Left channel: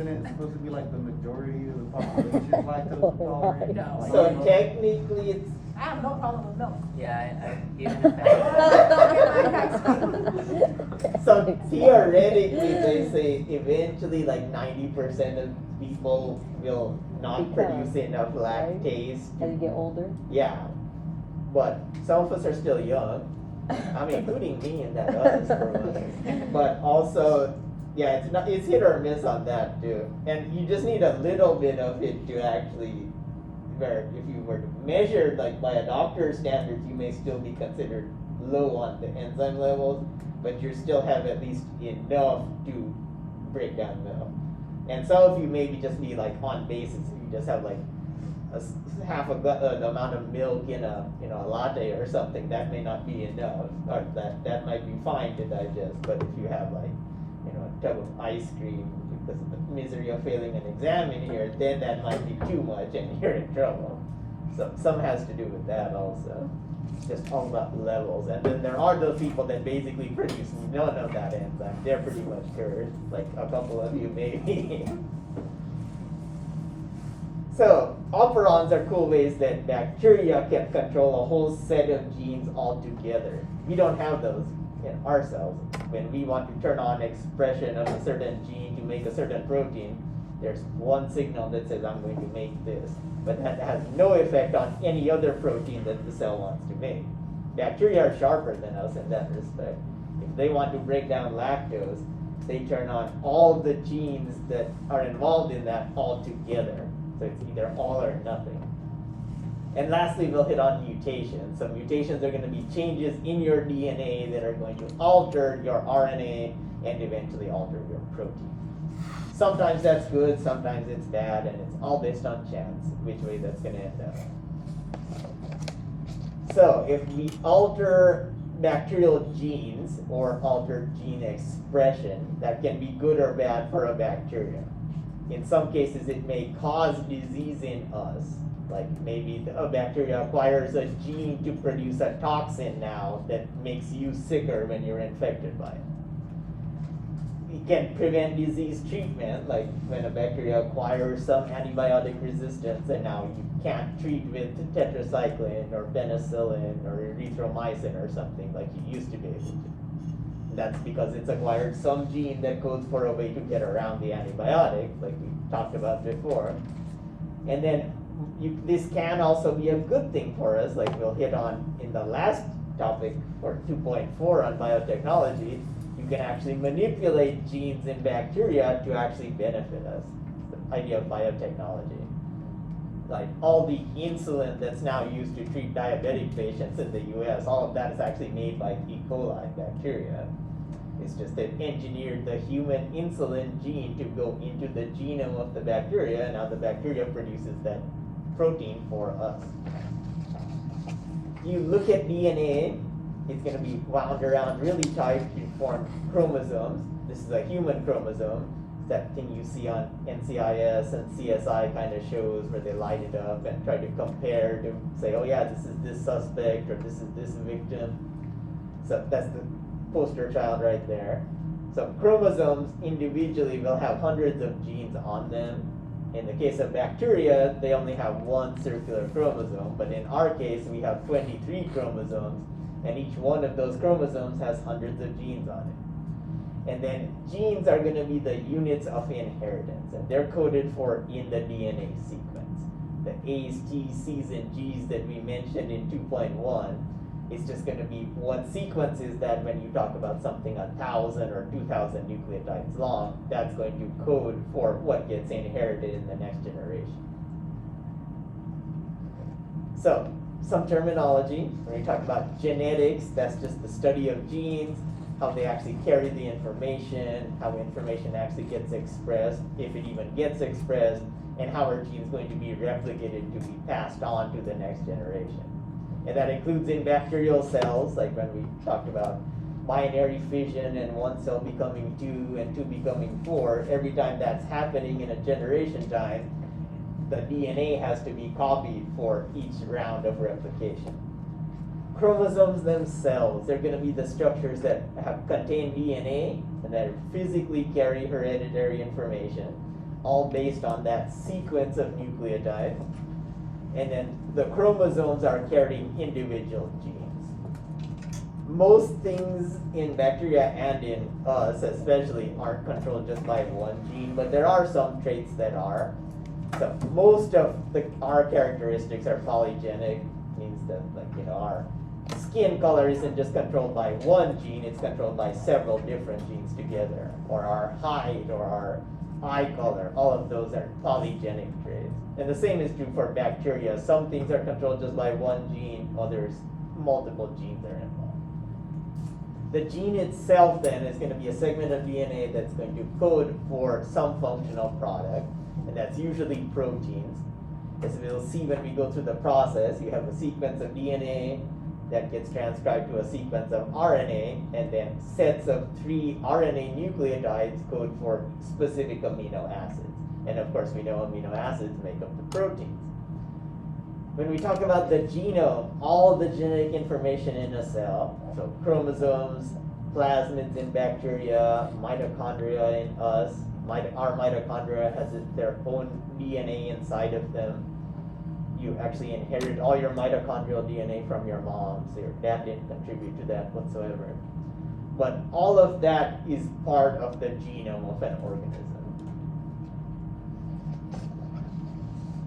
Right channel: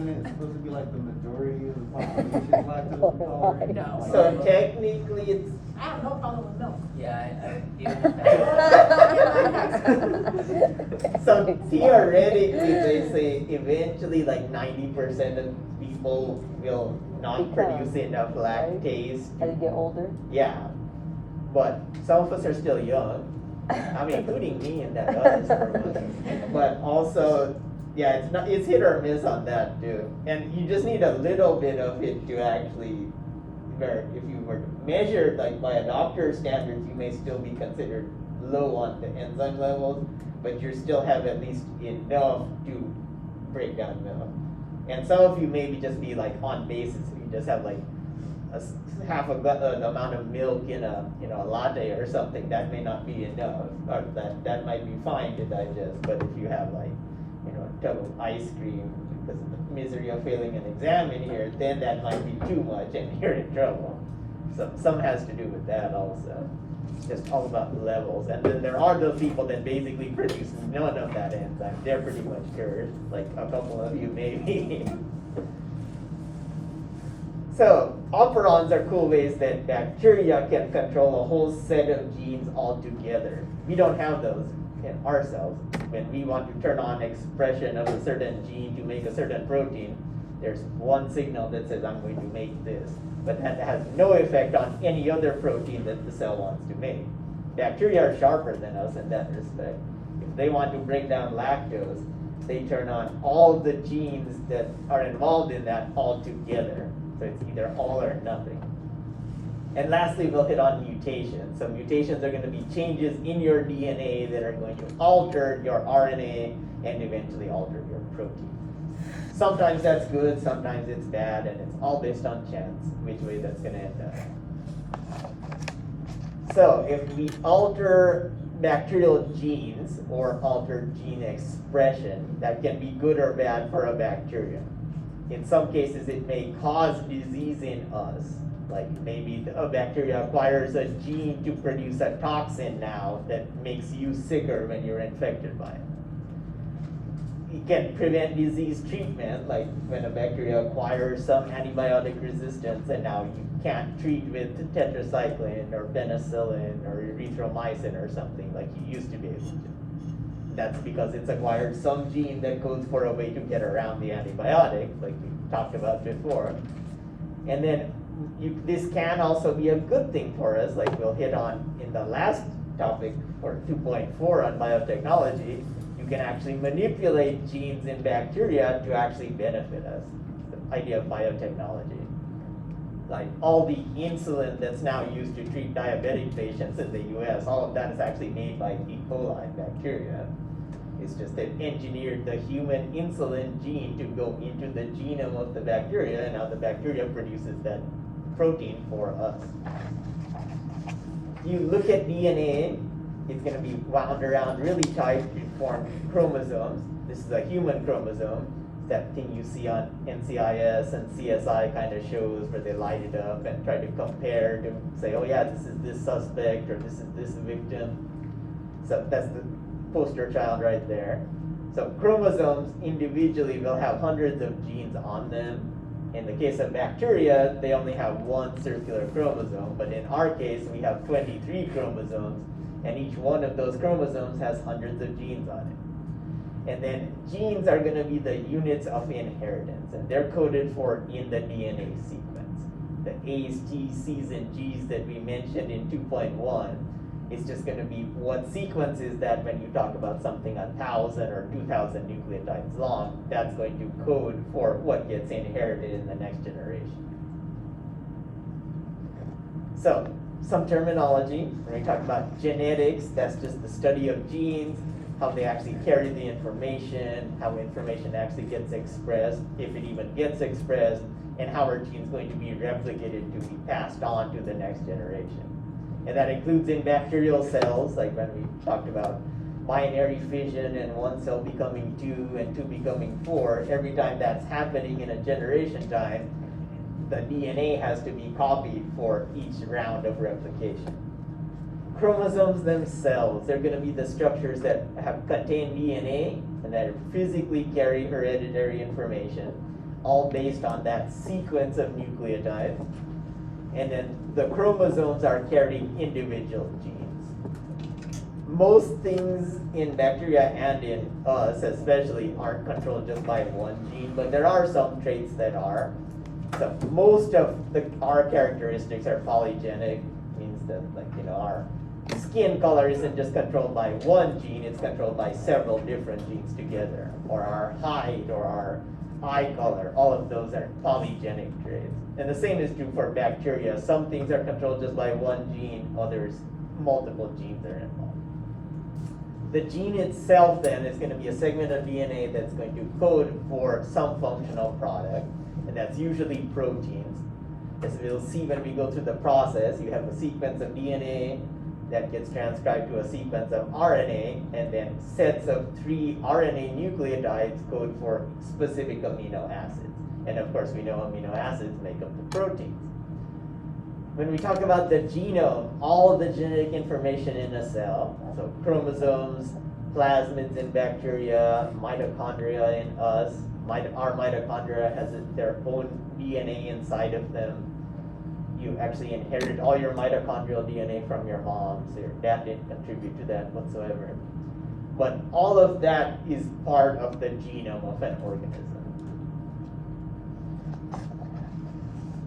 isn't it supposed to be like the majority of the population is lactose intolerant? No. So technically it's, I have no problem with milk. Yeah, so theoretically they say eventually like 90% of people will not produce enough lactase. As you get older? Yeah, but some of us are still young. I mean, including me in that other story. But also, yeah, it's hit or miss on that too. And you just need a little bit of it to actually, or if you were measured like by a doctor's standards, you may still be considered low on the enzyme levels, but you still have at least enough to break down milk. And some of you maybe just be like on basis, you just have like half an amount of milk in a a latte or something, that may not be enough, or that might be fine to digest. But if you have like a tub of ice cream because of the misery of failing an exam in here, then that might be too much and you're in trouble. So some has to do with that also. It's just all about the levels. And then there are those people that basically produce none of that enzyme. They're pretty much cured, like a couple of you maybe. So, operons are cool ways that bacteria can control a whole set of genes altogether. We don't have those in our cells. When we want to turn on expression of a certain gene to make a certain protein, there's one signal that says I'm going to make this. But that has no effect on any other protein that the cell wants to make. Bacteria are sharper than us in that respect. If they want to break down lactose, they turn on all the genes that are involved in that altogether. So it's either all or nothing. And lastly, we'll hit on mutations. So mutations are going to be changes in your DNA that are going to alter your RNA and eventually alter your protein. Sometimes that's good, sometimes it's bad, and it's all based on chance, which way that's going to end up. So if we alter bacterial genes or alter gene expression, that can be good or bad for a bacteria. In some cases, it may cause disease in us. Like maybe a bacteria acquires a gene to produce a toxin now that makes you sicker when you're infected by it. It can prevent disease treatment, like when a bacteria acquires some antibiotic resistance and now you can't treat with tetracycline or penicillin or erythromycin or something like you used to be able to. That's because it's acquired some gene that codes for a way to get around the antibiotic, like we talked about before. And then this can also be a good thing for us, like we'll hit on in the last topic for 2.4 on biotechnology. You can actually manipulate genes in bacteria to actually benefit us. The idea of biotechnology. Like all the insulin that's now used to treat diabetic patients in the US, all of that is actually made by E. coli bacteria. It's just they've engineered the human insulin gene to go into the genome of the bacteria, and now the bacteria produces that protein for us. If you look at DNA, it's going to be wound around really tight to form chromosomes. This is a human chromosome. It's that thing you see on NCIS and CSI kind of shows where they light it up and try to compare to say, oh yeah, this is this suspect or this is this victim. So that's the poster child right there. So chromosomes individually will have hundreds of genes on them. In the case of bacteria, they only have one circular chromosome, but in our case, we have 23 chromosomes, and each one of those chromosomes has hundreds of genes on it. And then genes are going to be the units of inheritance, and they're coded for in the DNA sequence. The A's, T's, C's, and G's that we mentioned in 2.1 is just going to be what sequence is that when you talk about something 1,000 or 2,000 nucleotides long, that's going to code for what gets inherited in the next generation. So, some terminology. We talk about genetics, that's just the study of genes, how they actually carry the information, how information actually gets expressed, if it even gets expressed, and how our gene is going to be replicated to be passed on to the next generation. And that includes in bacterial cells, like when we talked about binary fission and one cell becoming 2 and 2 becoming 4. Every time that's happening in a generation time, the DNA has to be copied for each round of replication. Chromosomes themselves, they're going to be the structures that contain DNA and that physically carry hereditary information. all based on that sequence of nucleotides. And then the chromosomes are carrying individual genes. Most things in bacteria and in us especially aren't controlled just by one gene, but there are some traits that are. So most of our characteristics are polygenic, means that our skin color isn't just controlled by one gene, it's controlled by several different genes together. Or our height, or our eye color, all of those are polygenic traits. And the same is true for bacteria. Some things are controlled just by one gene, others, multiple genes are involved. The gene itself then is going to be a segment of DNA that's going to code for some functional product, and that's usually proteins. As we'll see when we go through the process, you have a sequence of DNA that gets transcribed to a sequence of RNA, and then sets of 3 RNA nucleotides code for specific amino acids. And of course, we know amino acids make up the proteins. When we talk about the genome, all of the genetic information in a cell, so chromosomes, plasmids in bacteria, mitochondria in us, our mitochondria has their own DNA inside of them. You actually inherit all your mitochondrial DNA from your mom, so your dad didn't contribute to that whatsoever. But all of that is part of the genome of an organism.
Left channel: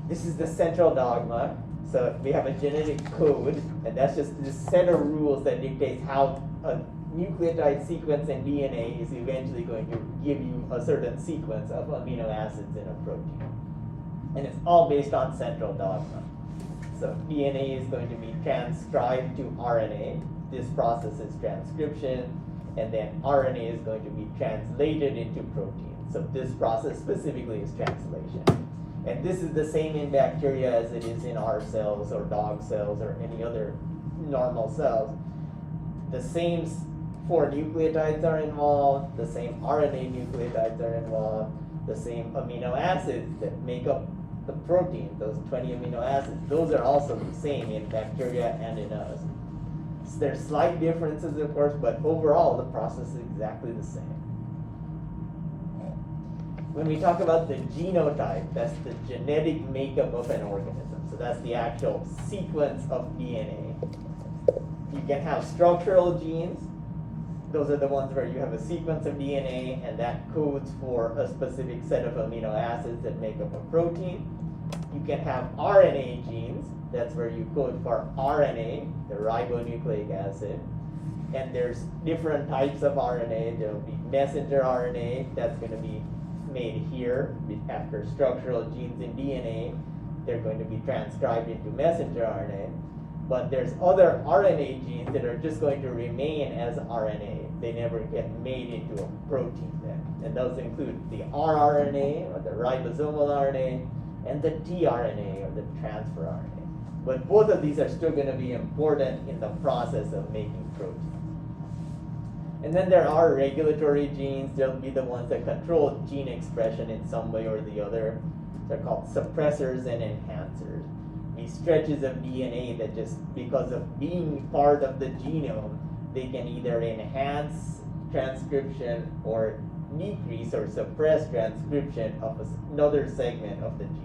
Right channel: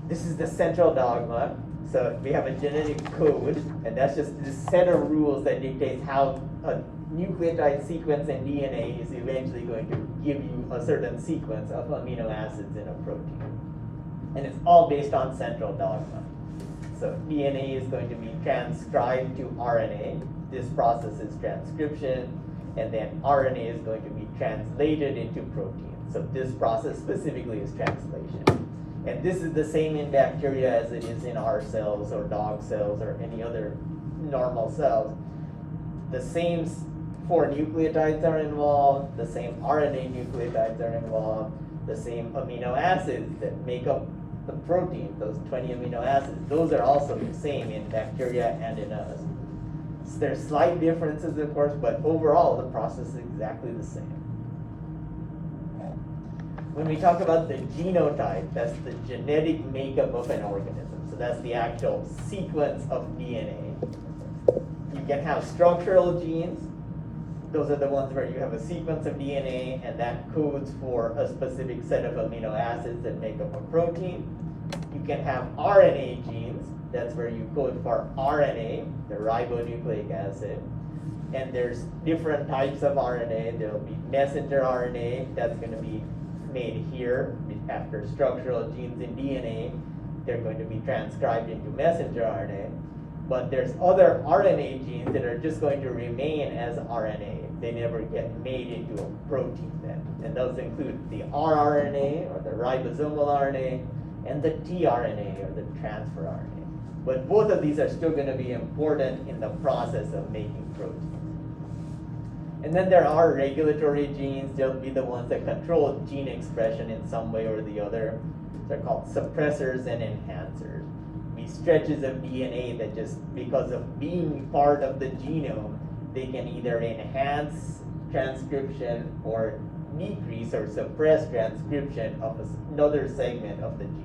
This is the central dogma. So we have a genetic code, and that's just this set of rules that dictates how a nucleotide sequence in DNA is eventually going to give you a certain sequence of amino acids in a protein. And it's all based on central dogma. So DNA is going to be transcribed to RNA. This process is transcription, and then RNA is going to be translated into protein. So this process specifically is translation. And this is the same in bacteria as it is in our cells or dog cells or any other normal cells. The same 4 nucleotides are involved, the same RNA nucleotides are involved, the same amino acids that make up the protein, those 20 amino acids, those are also the same in bacteria and in us. So there's slight differences, of course, but overall the process is exactly the same. When we talk about the genotype, that's the genetic makeup of an organism. So that's the actual sequence of DNA. You can have structural genes. Those are the ones where you have a sequence of DNA and that codes for a specific set of amino acids that make up a protein. You can have RNA genes. That's where you code for RNA, the ribonucleic acid. And there's different types of RNA. There'll be messenger RNA that's going to be made here after structural genes in DNA. They're going to be transcribed into messenger RNA. But there's other RNA genes that are just going to remain as RNA. They never get made into a protein then. And those include the rRNA, or the ribosomal RNA, and the tRNA, or the transfer RNA. But both of these are still going to be important in the process of making protein. And then there are regulatory genes. They'll be the ones that control gene expression in some way or the other. They're called suppressors and enhancers. These stretches of DNA that just because of being part of the genome, they can either enhance transcription or decrease or suppress transcription of another segment of the genome.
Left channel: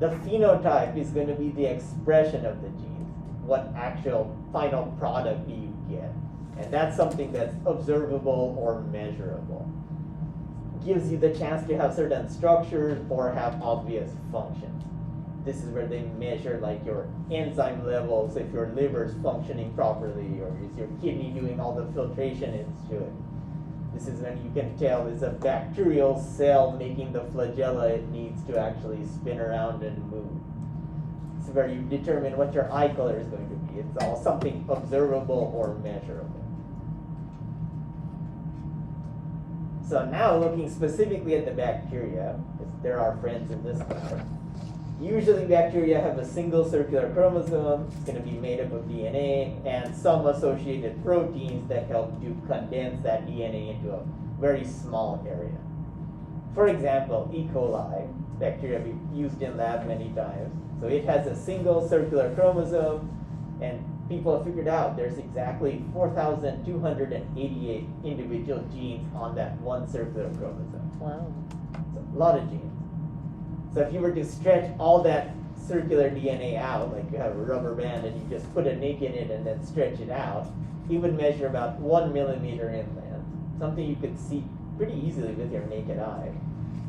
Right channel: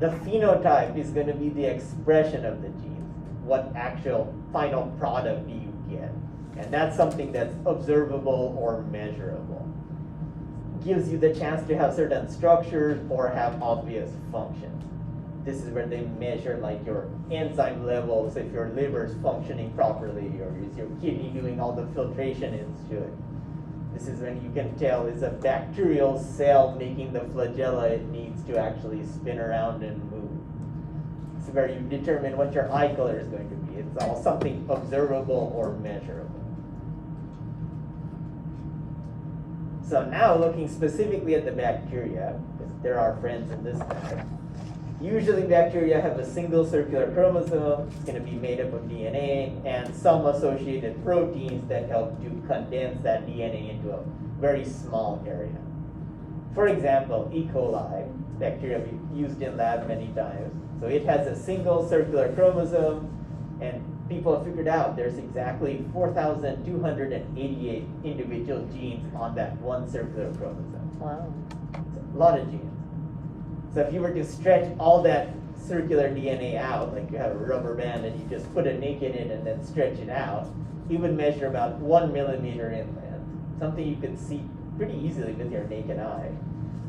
The phenotype is going to be the expression of the genes. What actual final product do you get? And that's something that's observable or measurable. Gives you the chance to have certain structures or have obvious functions. This is where they measure like your enzyme levels, if your liver is functioning properly, or is your kidney doing all the filtration into it. This is when you can tell it's a bacterial cell making the flagella it needs to actually spin around and move. This is where you determine what your eye color is going to be. It's all something observable or measurable. So now looking specifically at the bacteria, because they're our friends in this matter. Usually bacteria have a single circular chromosome. It's going to be made up of DNA and some associated proteins that help to condense that DNA into a very small area. For example, E. coli, bacteria we've used in lab many times. So it has a single circular chromosome, and people have figured out there's exactly 4,288 individual genes on that one circular chromosome. Wow. a lot of genes. So if you were to stretch all that circular DNA out, like you have a rubber band and you just put a nick in it and then stretch it out, it would measure about 1 millimeter inland, something you could see pretty easily with your naked eye.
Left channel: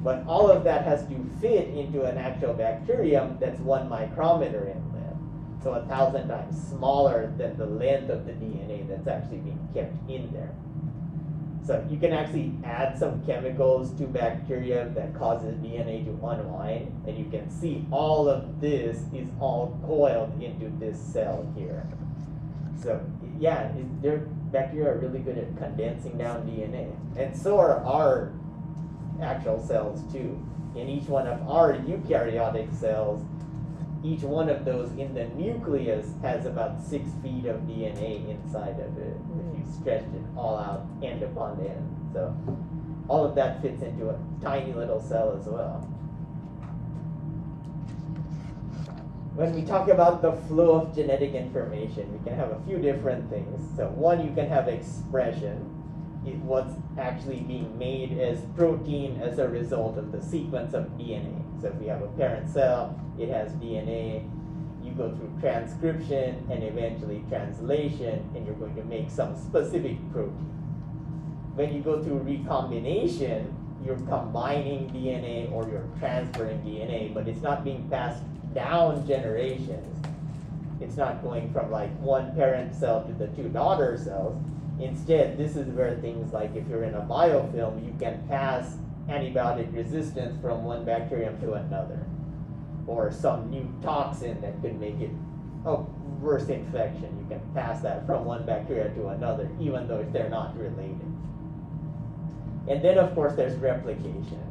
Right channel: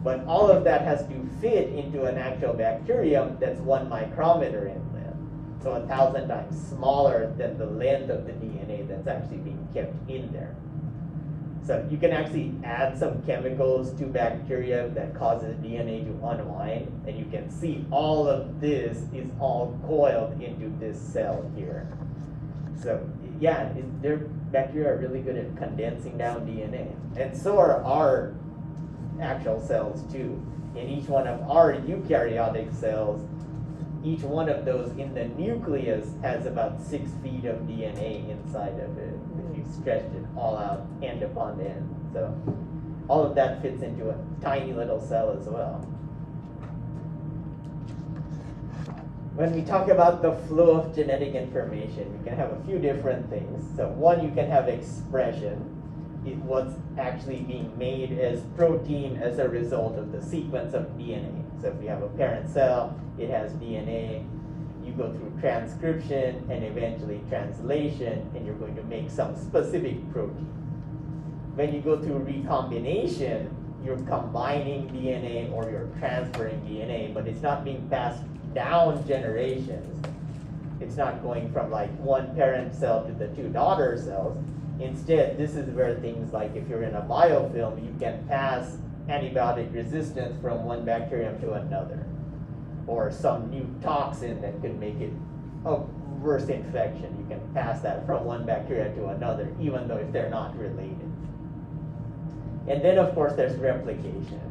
But all of that has to fit into an actual bacterium that's 1 micrometer inland, so 1,000 times smaller than the length of the DNA that's actually being kept in there. So you can actually add some chemicals to bacteria that causes DNA to unwind, and you can see all of this is all coiled into this cell here. So yeah, bacteria are really good at condensing down DNA, and so are our actual cells too. In each one of our eukaryotic cells, each one of those in the nucleus has about 6 feet of DNA inside of it, if you stretched it all out end upon end. So all of that fits into a tiny little cell as well. When we talk about the flow of genetic information, you can have a few different things. So one, you can have expression. What's actually being made as protein as a result of the sequence of DNA. So if you have a parent cell, it has DNA. You go through transcription and eventually translation, and you're going to make some specific protein. When you go through recombination, you're combining DNA or you're transferring DNA, but it's not being passed down generations. It's not going from like 1 parent cell to the 2 daughter cells. Instead, this is where things like if you're in a biofilm, you can pass antibiotic resistance from 1 bacterium to another, or some new toxin that could make it a worse infection. You can pass that from 1 bacteria to another, even though if they're not related. And then of course there's replication.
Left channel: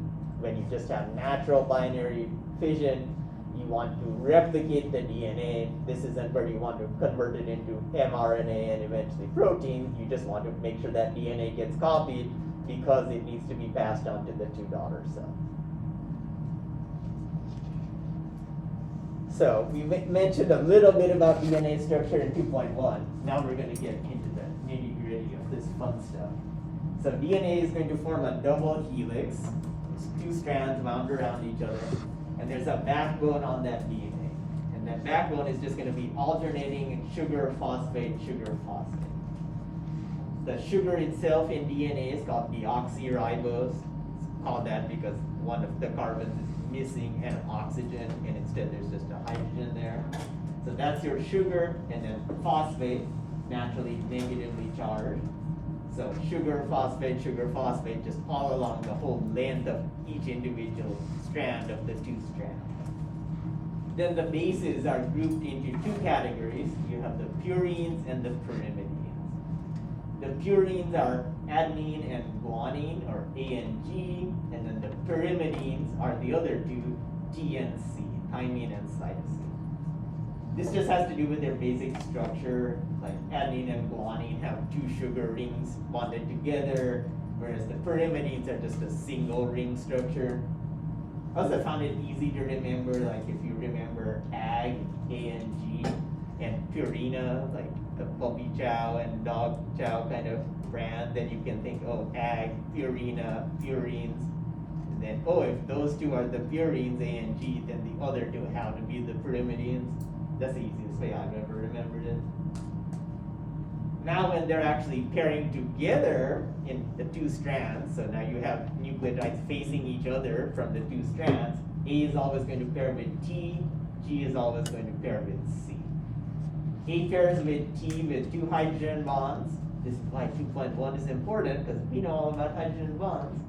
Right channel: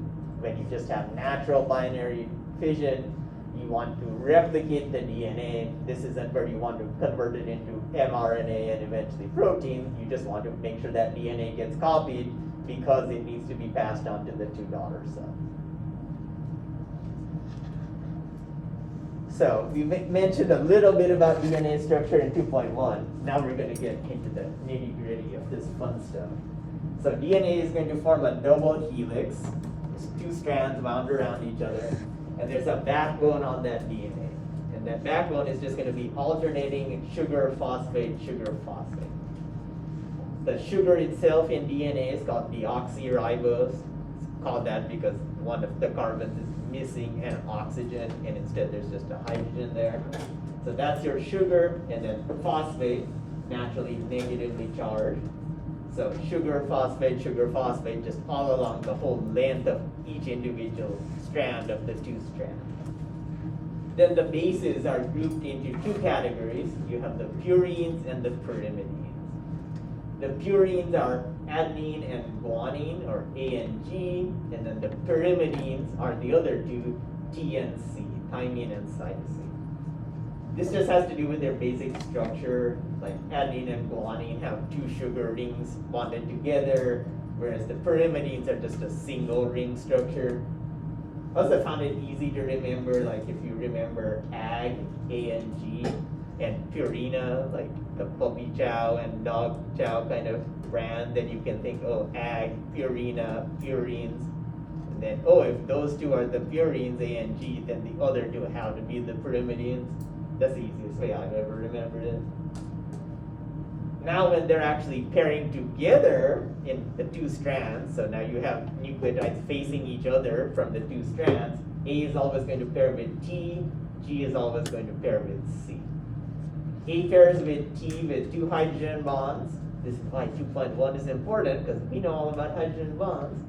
When you just have natural binary fission, you want to replicate the DNA. This isn't where you want to convert it into mRNA and eventually protein. You just want to make sure that DNA gets copied because it needs to be passed on to the 2 daughter cells. So we mentioned a little bit about DNA structure in 2.1. Now we're going to get into the nitty-gritty of this fun stuff. So DNA is going to form a double helix. There's 2 strands wound around each other, and there's a backbone on that DNA. And that backbone is just going to be alternating sugar, phosphate, sugar, phosphate. The sugar itself in DNA is called deoxyribose. It's called that because one of the carbons is missing an oxygen, and instead there's just a hydrogen there. So that's your sugar, and then phosphate, naturally negatively charged. So sugar, phosphate, just all along the whole length of each individual strand of the 2 strands. Then the bases are grouped into 2 categories. You have the purines and the pyrimidines. The purines are adenine and guanine, or A and G, and then the pyrimidines are the other 2, T and C, thymine and cytosine. This just has to do with their basic structure. Like adenine and guanine have 2 sugar rings bonded together, whereas the pyrimidines are just a single ring structure. Also found it easy to remember, like if you remember ag, A and G, and Purina, like the puppy chow and dog chow kind of brand, then you can think, oh, ag, Purina, purines. And then, oh, if those 2 are the purines, A and G, then the other 2 have to be the pyrimidines. That's the easiest way I've ever remembered it. Now when they're actually pairing together in the 2 strands, so now you have nucleotides facing each other from the 2 strands, A is always going to pair with T, G is always going to pair with C. A pairs with T with 2 hydrogen bonds. This is why 2.1 is important, because we know all about hydrogen bonds.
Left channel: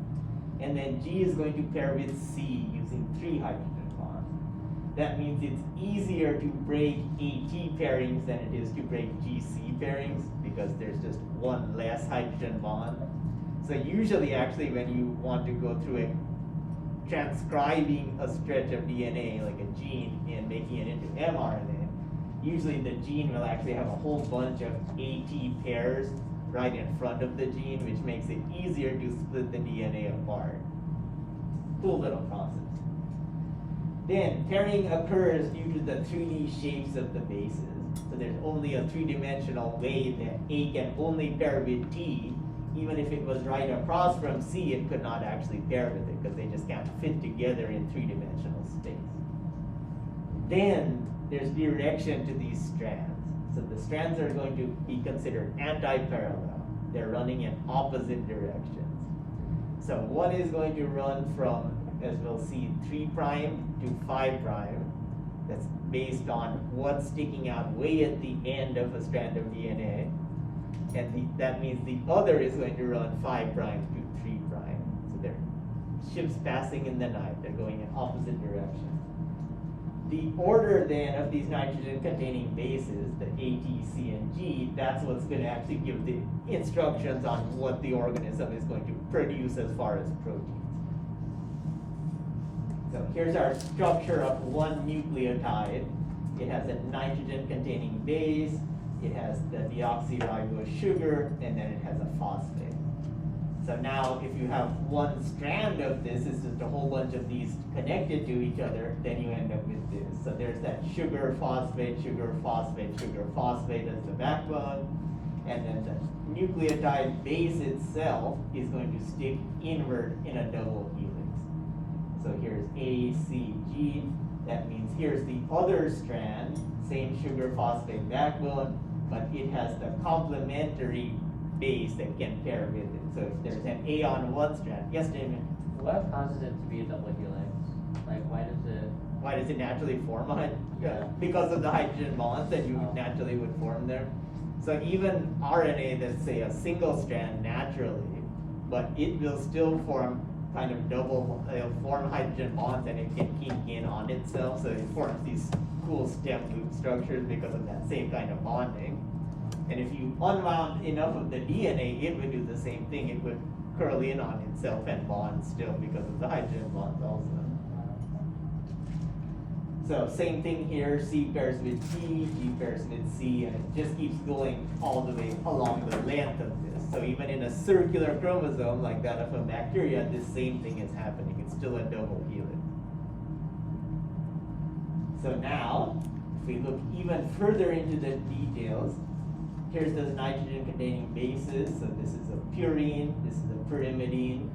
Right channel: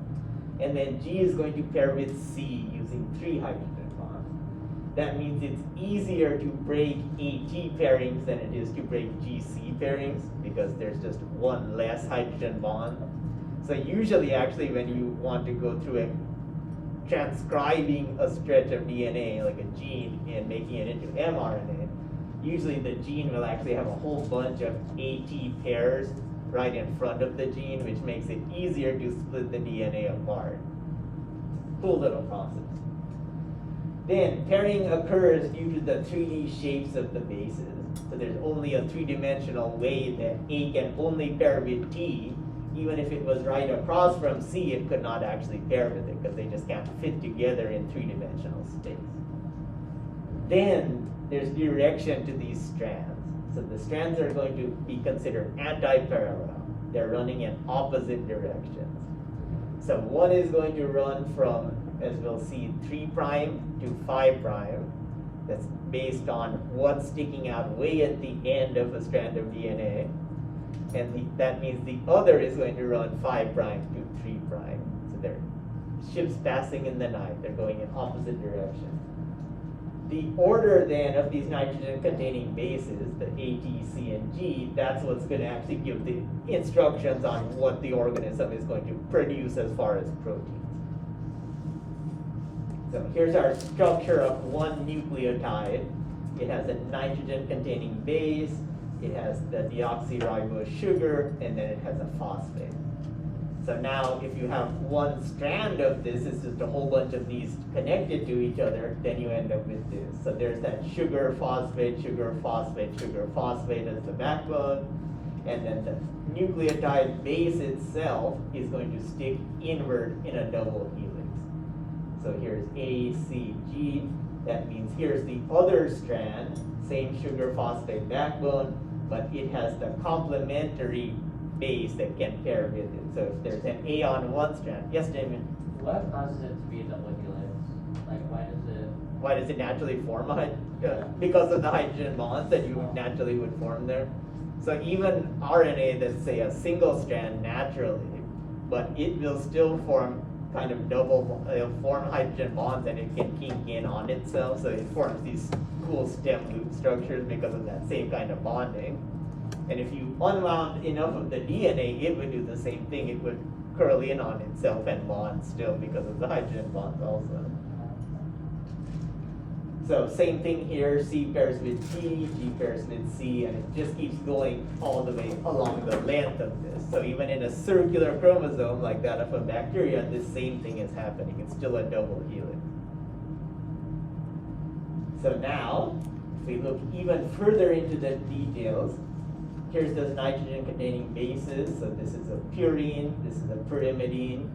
And then G is going to pair with C using 3 hydrogen bonds. That means it's easier to break AT pairings than it is to break GC pairings, because there's just 1 less hydrogen bond. So usually actually when you want to go through it, transcribing a stretch of DNA, like a gene, and making it into mRNA, usually the gene will actually have a whole bunch of AT pairs right in front of the gene, which makes it easier to split the DNA apart. Cool little process. Then pairing occurs due to the 3D shapes of the bases. So there's only a 3-dimensional way that A can only pair with T even if it was right across from C, it could not actually pair with it because they just can't fit together in three-dimensional space. Then there's direction to these strands. So the strands are going to be considered anti-parallel. They're running in opposite directions. So one is going to run from, as we'll see, 3' to 5'. That's based on what's sticking out way at the end of a strand of DNA. And that means the other is going to run 5' to 3'. So they're ships passing in the night. They're going in opposite directions. The order then of these nitrogen-containing bases, the A, T, C, and G, that's what's going to actually give the instructions on what the organism is going to produce as far as proteins. So here's our structure of one nucleotide. It has a nitrogen-containing base, it has the deoxyribose sugar, and then it has a phosphate. So now if you have one strand of this, it's just a whole bunch of these connected to each other, then you end up with this. So there's that sugar, phosphate, sugar, phosphate, sugar, phosphate as the backbone, and then the nucleotide base itself is going to stick inward in a double helix. So here's A, C, G. That means here's the other strand, same sugar phosphate backbone, but it has the complementary base that can pair with it. So if there's an A on one strand, yes, Damien? What causes it to be a double helix? Like, Why does it naturally form a Yeah. because of the hydrogen bonds that you naturally would form there. So even RNA that's say a single strand naturally, but it will still form kind of double, it'll form hydrogen bonds and it can kink in on itself. So it forms these cool stem loop structures because of that same kind of bonding. And if you unwound enough of the DNA, it would do the same thing. It would curl in on itself and bond still because of the hydrogen bonds also. So same thing here, C pairs with G, G pairs with C, and it just keeps going all the way along the length of this. So even in a circular chromosome like that of a bacteria, this same thing is happening. It's still a double helix. So now, if we look even further into the details, here's those nitrogen-containing bases. So this is a purine, this is a pyrimidine.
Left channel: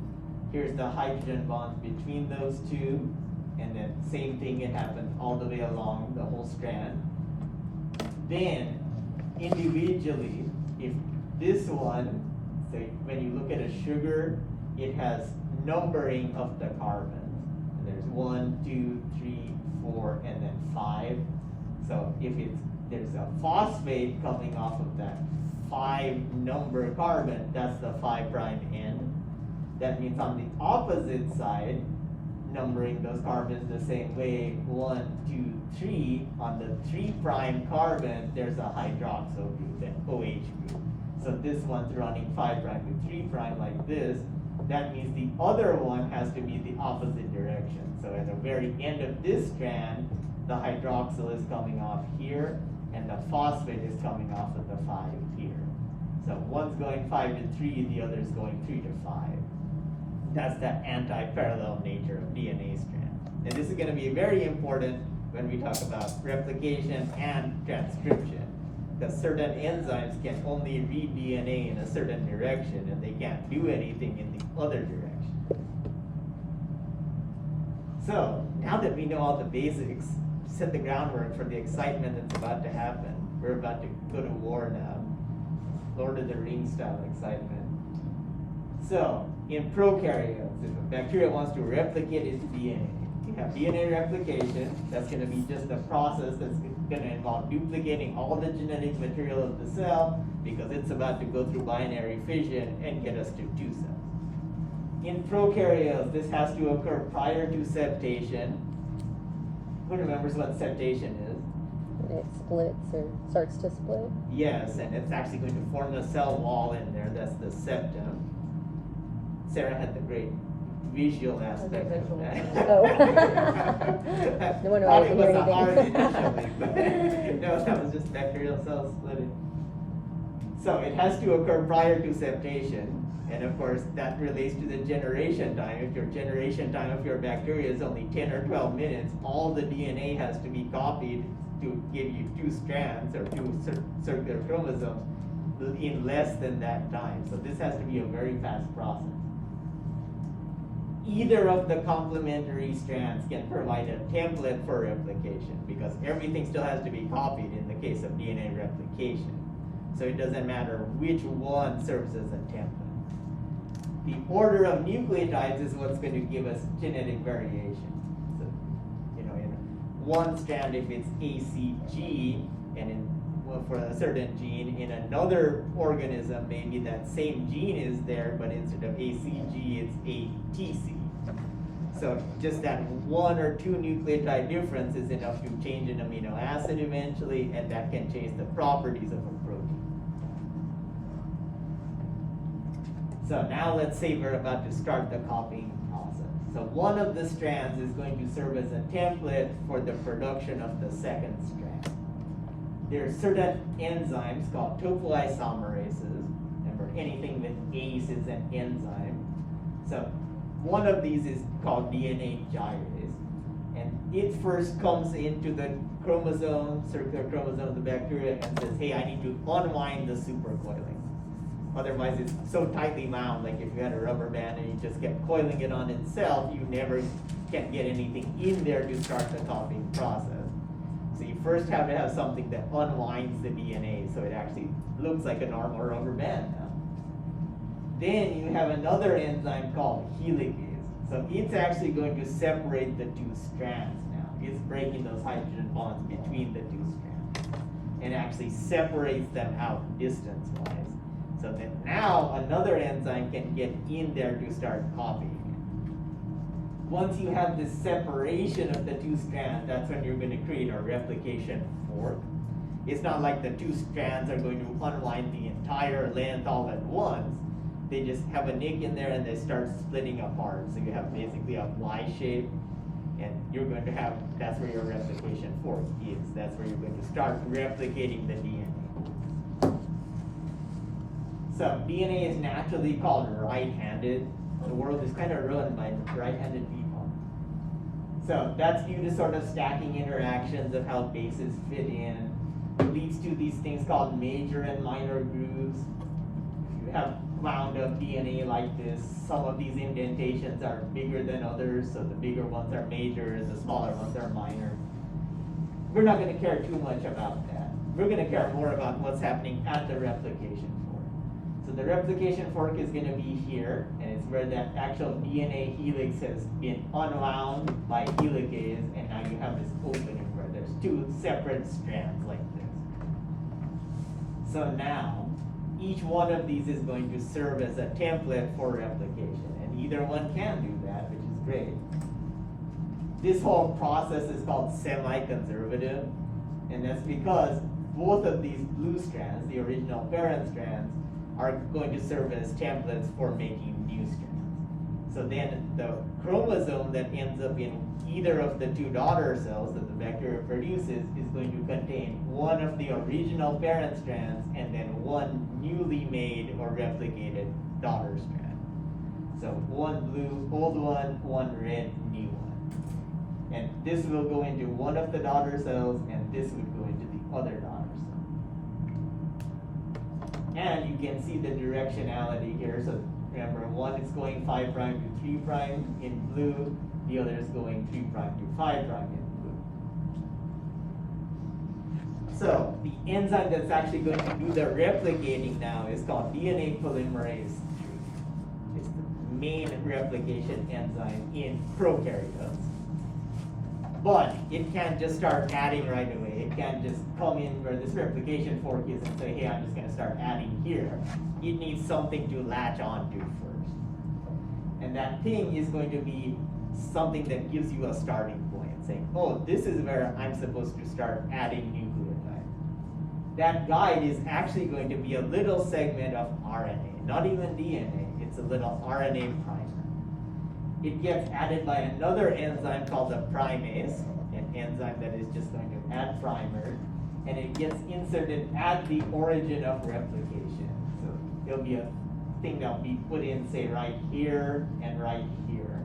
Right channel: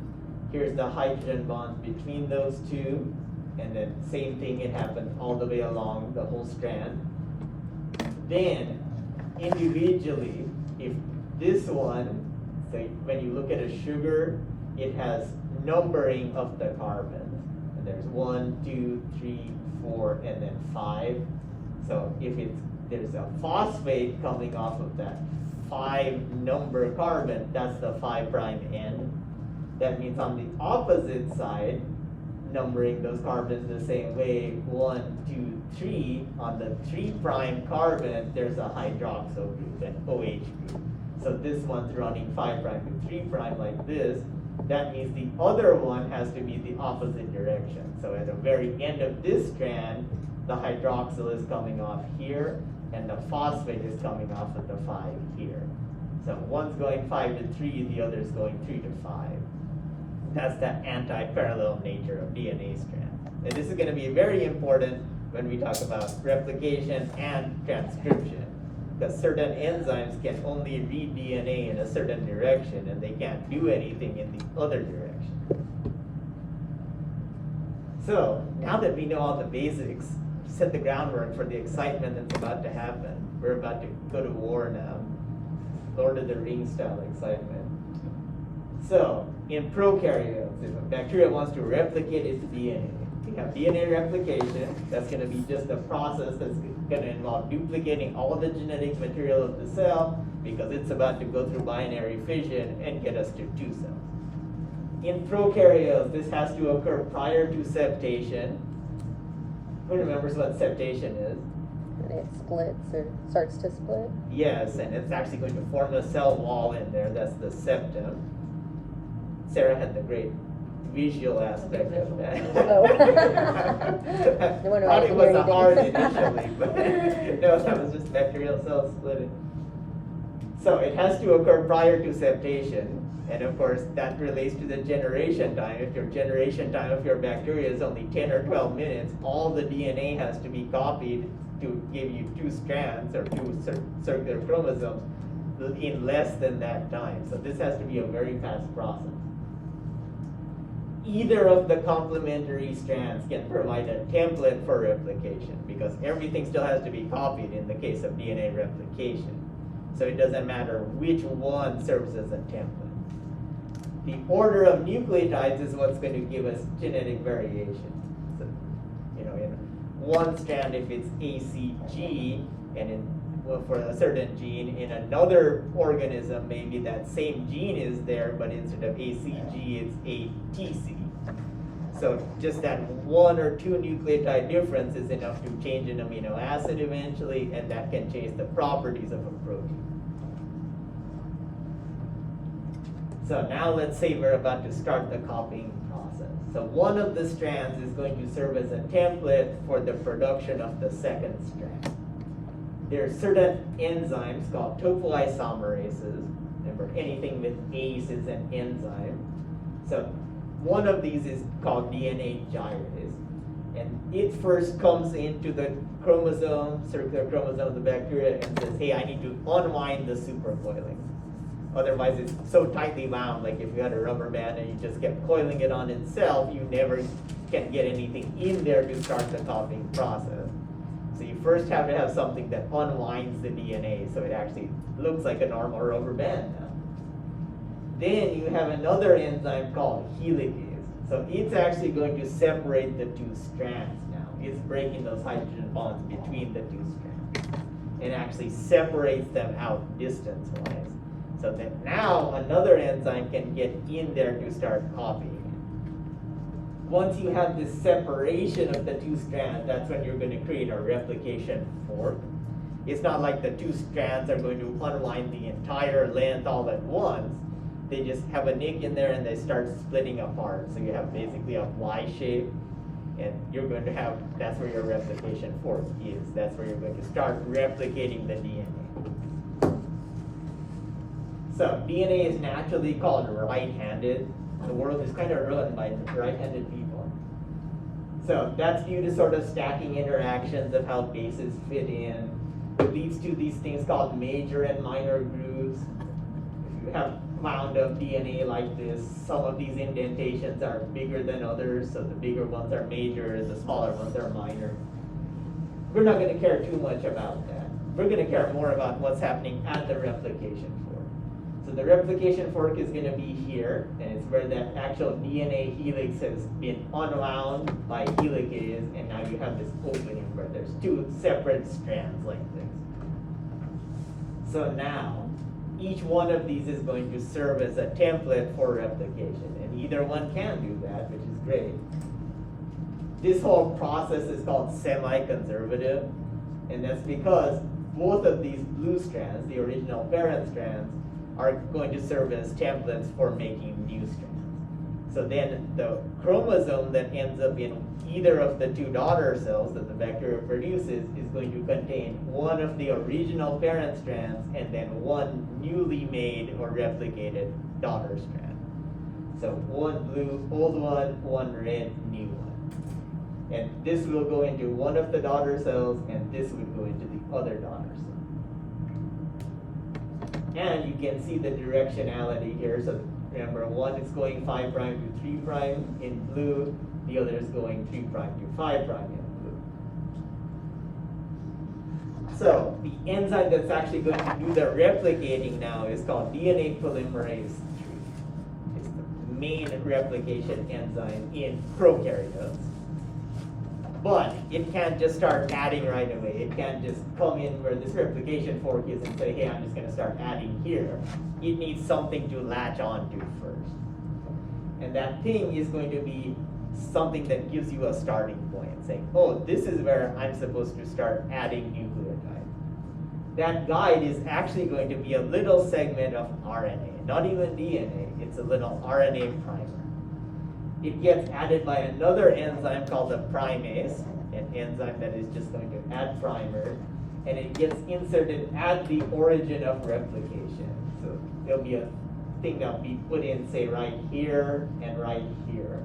Here's the hydrogen bonds between those two. And then same thing, it happens all the way along the whole strand. Then, individually, if this one, so when you look at a sugar, it has numbering of the carbons. And there's 1, 2, 3, 4, and then 5. So if there's a phosphate coming off of that 5 number carbon, that's the 5' end. That means on the opposite side, numbering those carbons the same way, 1, 2, 3, on the 3' carbon, there's a hydroxyl group, an OH group. So this one's running 5' to 3' like this. That means the other one has to be the opposite direction. So at the very end of this strand, the hydroxyl is coming off here, and the phosphate is coming off of the 5 here. So one's going 5 to 3, the other's going 3 to 5. That's the anti-parallel nature of DNA strands. And this is going to be very important when we talk about replication and transcription. Because certain enzymes can only read DNA in a certain direction, and they can't do anything in the other direction. So, now that we know all the basics, set the groundwork for the excitement that's about to happen. We're about to go to war now. Lord of the Rings style excitement. So, in prokaryotes, if a bacteria wants to replicate its DNA, we have DNA replication. That's going to be just a process that's going to involve duplicating all the genetic material of the cell because it's about to go through binary fission and get us to 2 cells. In prokaryotes, this has to occur prior to septation. Who remembers what septation is? It splits or starts to split. Yes, and it's actually going to form a cell wall in there. That's the septum. Sarah had the great visual aspect of that. Oh. Thought it was a heart initially, but no, that was just bacterial cells splitting. So it has to occur prior to septation, and of course that relates to the generation time. If your generation time of your bacteria is only 10 or 12 minutes, all the DNA has to be copied to give you 2 strands or 2 circular chromosomes in less than that time. So this has to be a very fast process. Either of the complementary strands can provide a template for replication, because everything still has to be copied in the case of DNA replication. So it doesn't matter which one serves as a template. The order of nucleotides is what's going to give us genetic variation. So, you know, in one strand, if it's ACG, and for a certain gene, in another organism, maybe that same gene is there, but instead of ACG, it's ATC. So just that 1 or 2 nucleotide difference is enough to change an amino acid eventually, and that can change the properties of a protein. So now let's say we're about to start the copying process. So one of the strands is going to serve as a template for the production of the second strand. There are certain enzymes called topoisomerases. Remember, anything with ACE is an enzyme. So one of these is called DNA gyrase. And it first comes into the chromosome, circular chromosome of the bacteria, and says, hey, I need to unwind the supercoiling. Otherwise, it's so tightly wound, like if you had a rubber band and you just kept coiling it on itself, you never can get anything in there to start the copying process. So you first have to have something that unwinds the DNA so it actually looks like a normal rubber band now. Then you have another enzyme called helicase. So it's actually going to separate the 2 strands now. It's breaking those hydrogen bonds between the 2 strands and actually separates them out distance-wise. So that now another enzyme can get in there to start copying it. Once you have this separation of the 2 strands, that's when you're going to create a replication fork. It's not like the 2 strands are going to unwind the entire length all at once. They just have a nick in there and they start splitting apart. So you have basically a Y shape, and you're going to have, that's where your replication fork is. That's where you're going to start replicating the DNA. So DNA is naturally called right-handed. The world is kind of run by right-handed people. So that's due to sort of stacking interactions of how bases fit in. It leads to these things called major and minor grooves. If you have wound up DNA like this, some of these indentations are bigger than others, so the bigger ones are major, the smaller ones are minor. We're not going to care too much about that. We're going to care more about what's happening at the replication fork. So the replication fork is going to be here, and it's where that actual DNA helix has been unwound by helicase, and now you have this opening where there's 2 separate strands like this. So now, each one of these is going to serve as a template for replication, and either one can do that, which is great. This whole process is called semi-conservative, and that's because both of these blue strands, the original parent strands, are going to serve as templates for making new strands. So then the chromosome that ends up in either of the 2 daughter cells that the bacteria produces is going to contain one of the original parent strands and then one newly made or replicated daughter strand. So one blue old one, one red new one. And this will go into one of the daughter cells, and this would go into the other daughter cell. And you can see the directionality here. So remember, one is going 5' to 3' in blue, the other is going 3' to 5' in blue. So the enzyme that's actually going to do the replicating now is called DNA polymerase III. It's the main replication enzyme in prokaryotes. But it can't just start adding right away. It can't just come in where this replication fork is and say, hey, I'm just going to start adding here. It needs something to latch onto first. And that thing is going to be something that gives you a starting point, saying, oh, this is where I'm supposed to start adding nucleotide. That guide is actually going to be a little segment of RNA, not even DNA. It's a little RNA primer. It gets added by another enzyme called a primase, an enzyme that is just going to add primers, and it gets inserted at the origin of replication. So there'll be a thing that'll be put in, say, right here and right here.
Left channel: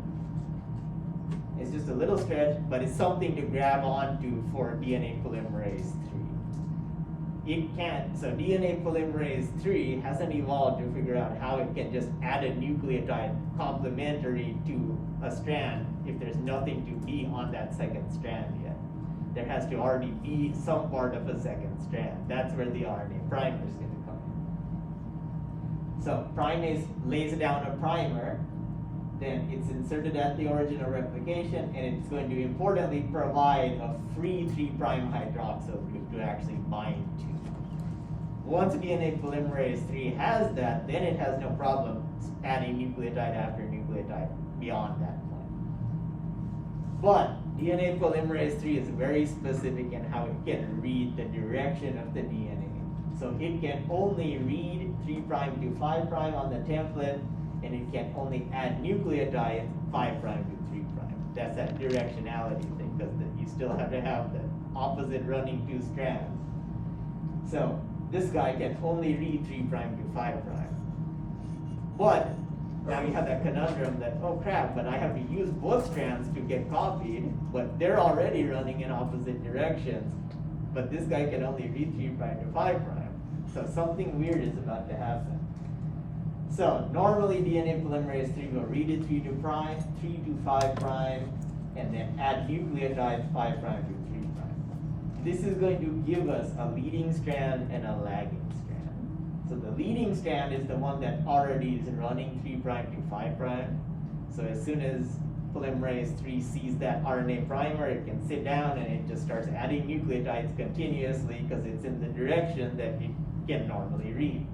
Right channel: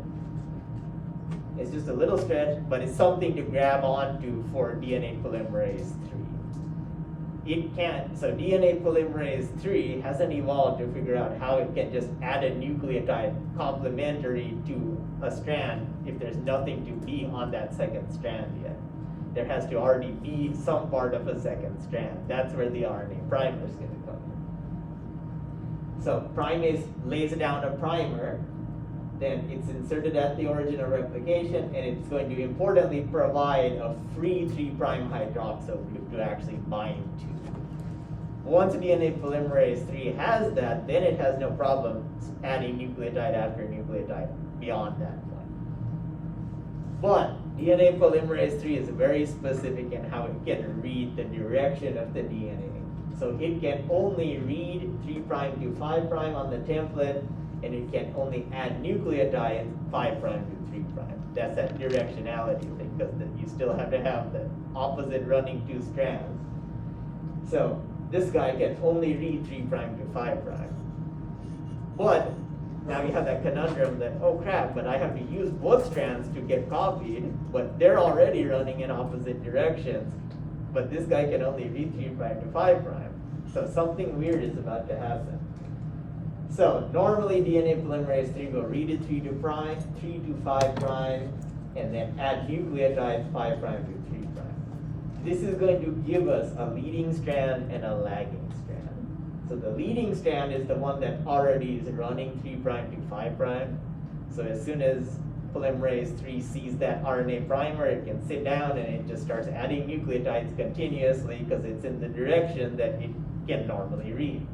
It's just a little stretch, but it's something to grab onto for DNA polymerase III. it can't, so DNA polymerase 3 hasn't evolved to figure out how it can just add a nucleotide complementary to a strand if there's nothing to be on that second strand yet. There has to already be some part of a second strand. That's where the RNA primer is going to come in. So primase lays down a primer, then it's inserted at the origin of replication, and it's going to importantly provide a free 3' hydroxyl group to actually bind to. Once DNA polymerase 3 has that, then it has no problem adding nucleotide after nucleotide beyond that point. But DNA polymerase 3 is very specific in how it can read the direction of the DNA. So it can only read 3' to 5' on the template, and it can only add nucleotides 5' to 3'. That's that directionality thing, because you still have to have the opposite running two strands. So this guy can only read 3' to 5'. But now you have that conundrum that, oh crap, but I have to use both strands to get copied, but they're already running in opposite directions. But this guy can only read 3' to 5'. So something weird is about to happen. So normally DNA polymerase 3 will read it 3 to 5', and then add nucleotides 5' to 3'. This is going to give us a leading strand and a lagging strand. So the leading strand is the one that already is running 3' to 5'. So as soon as polymerase 3 sees that RNA primer, it can sit down and it just starts adding nucleotides continuously because it's in the direction that it can normally read.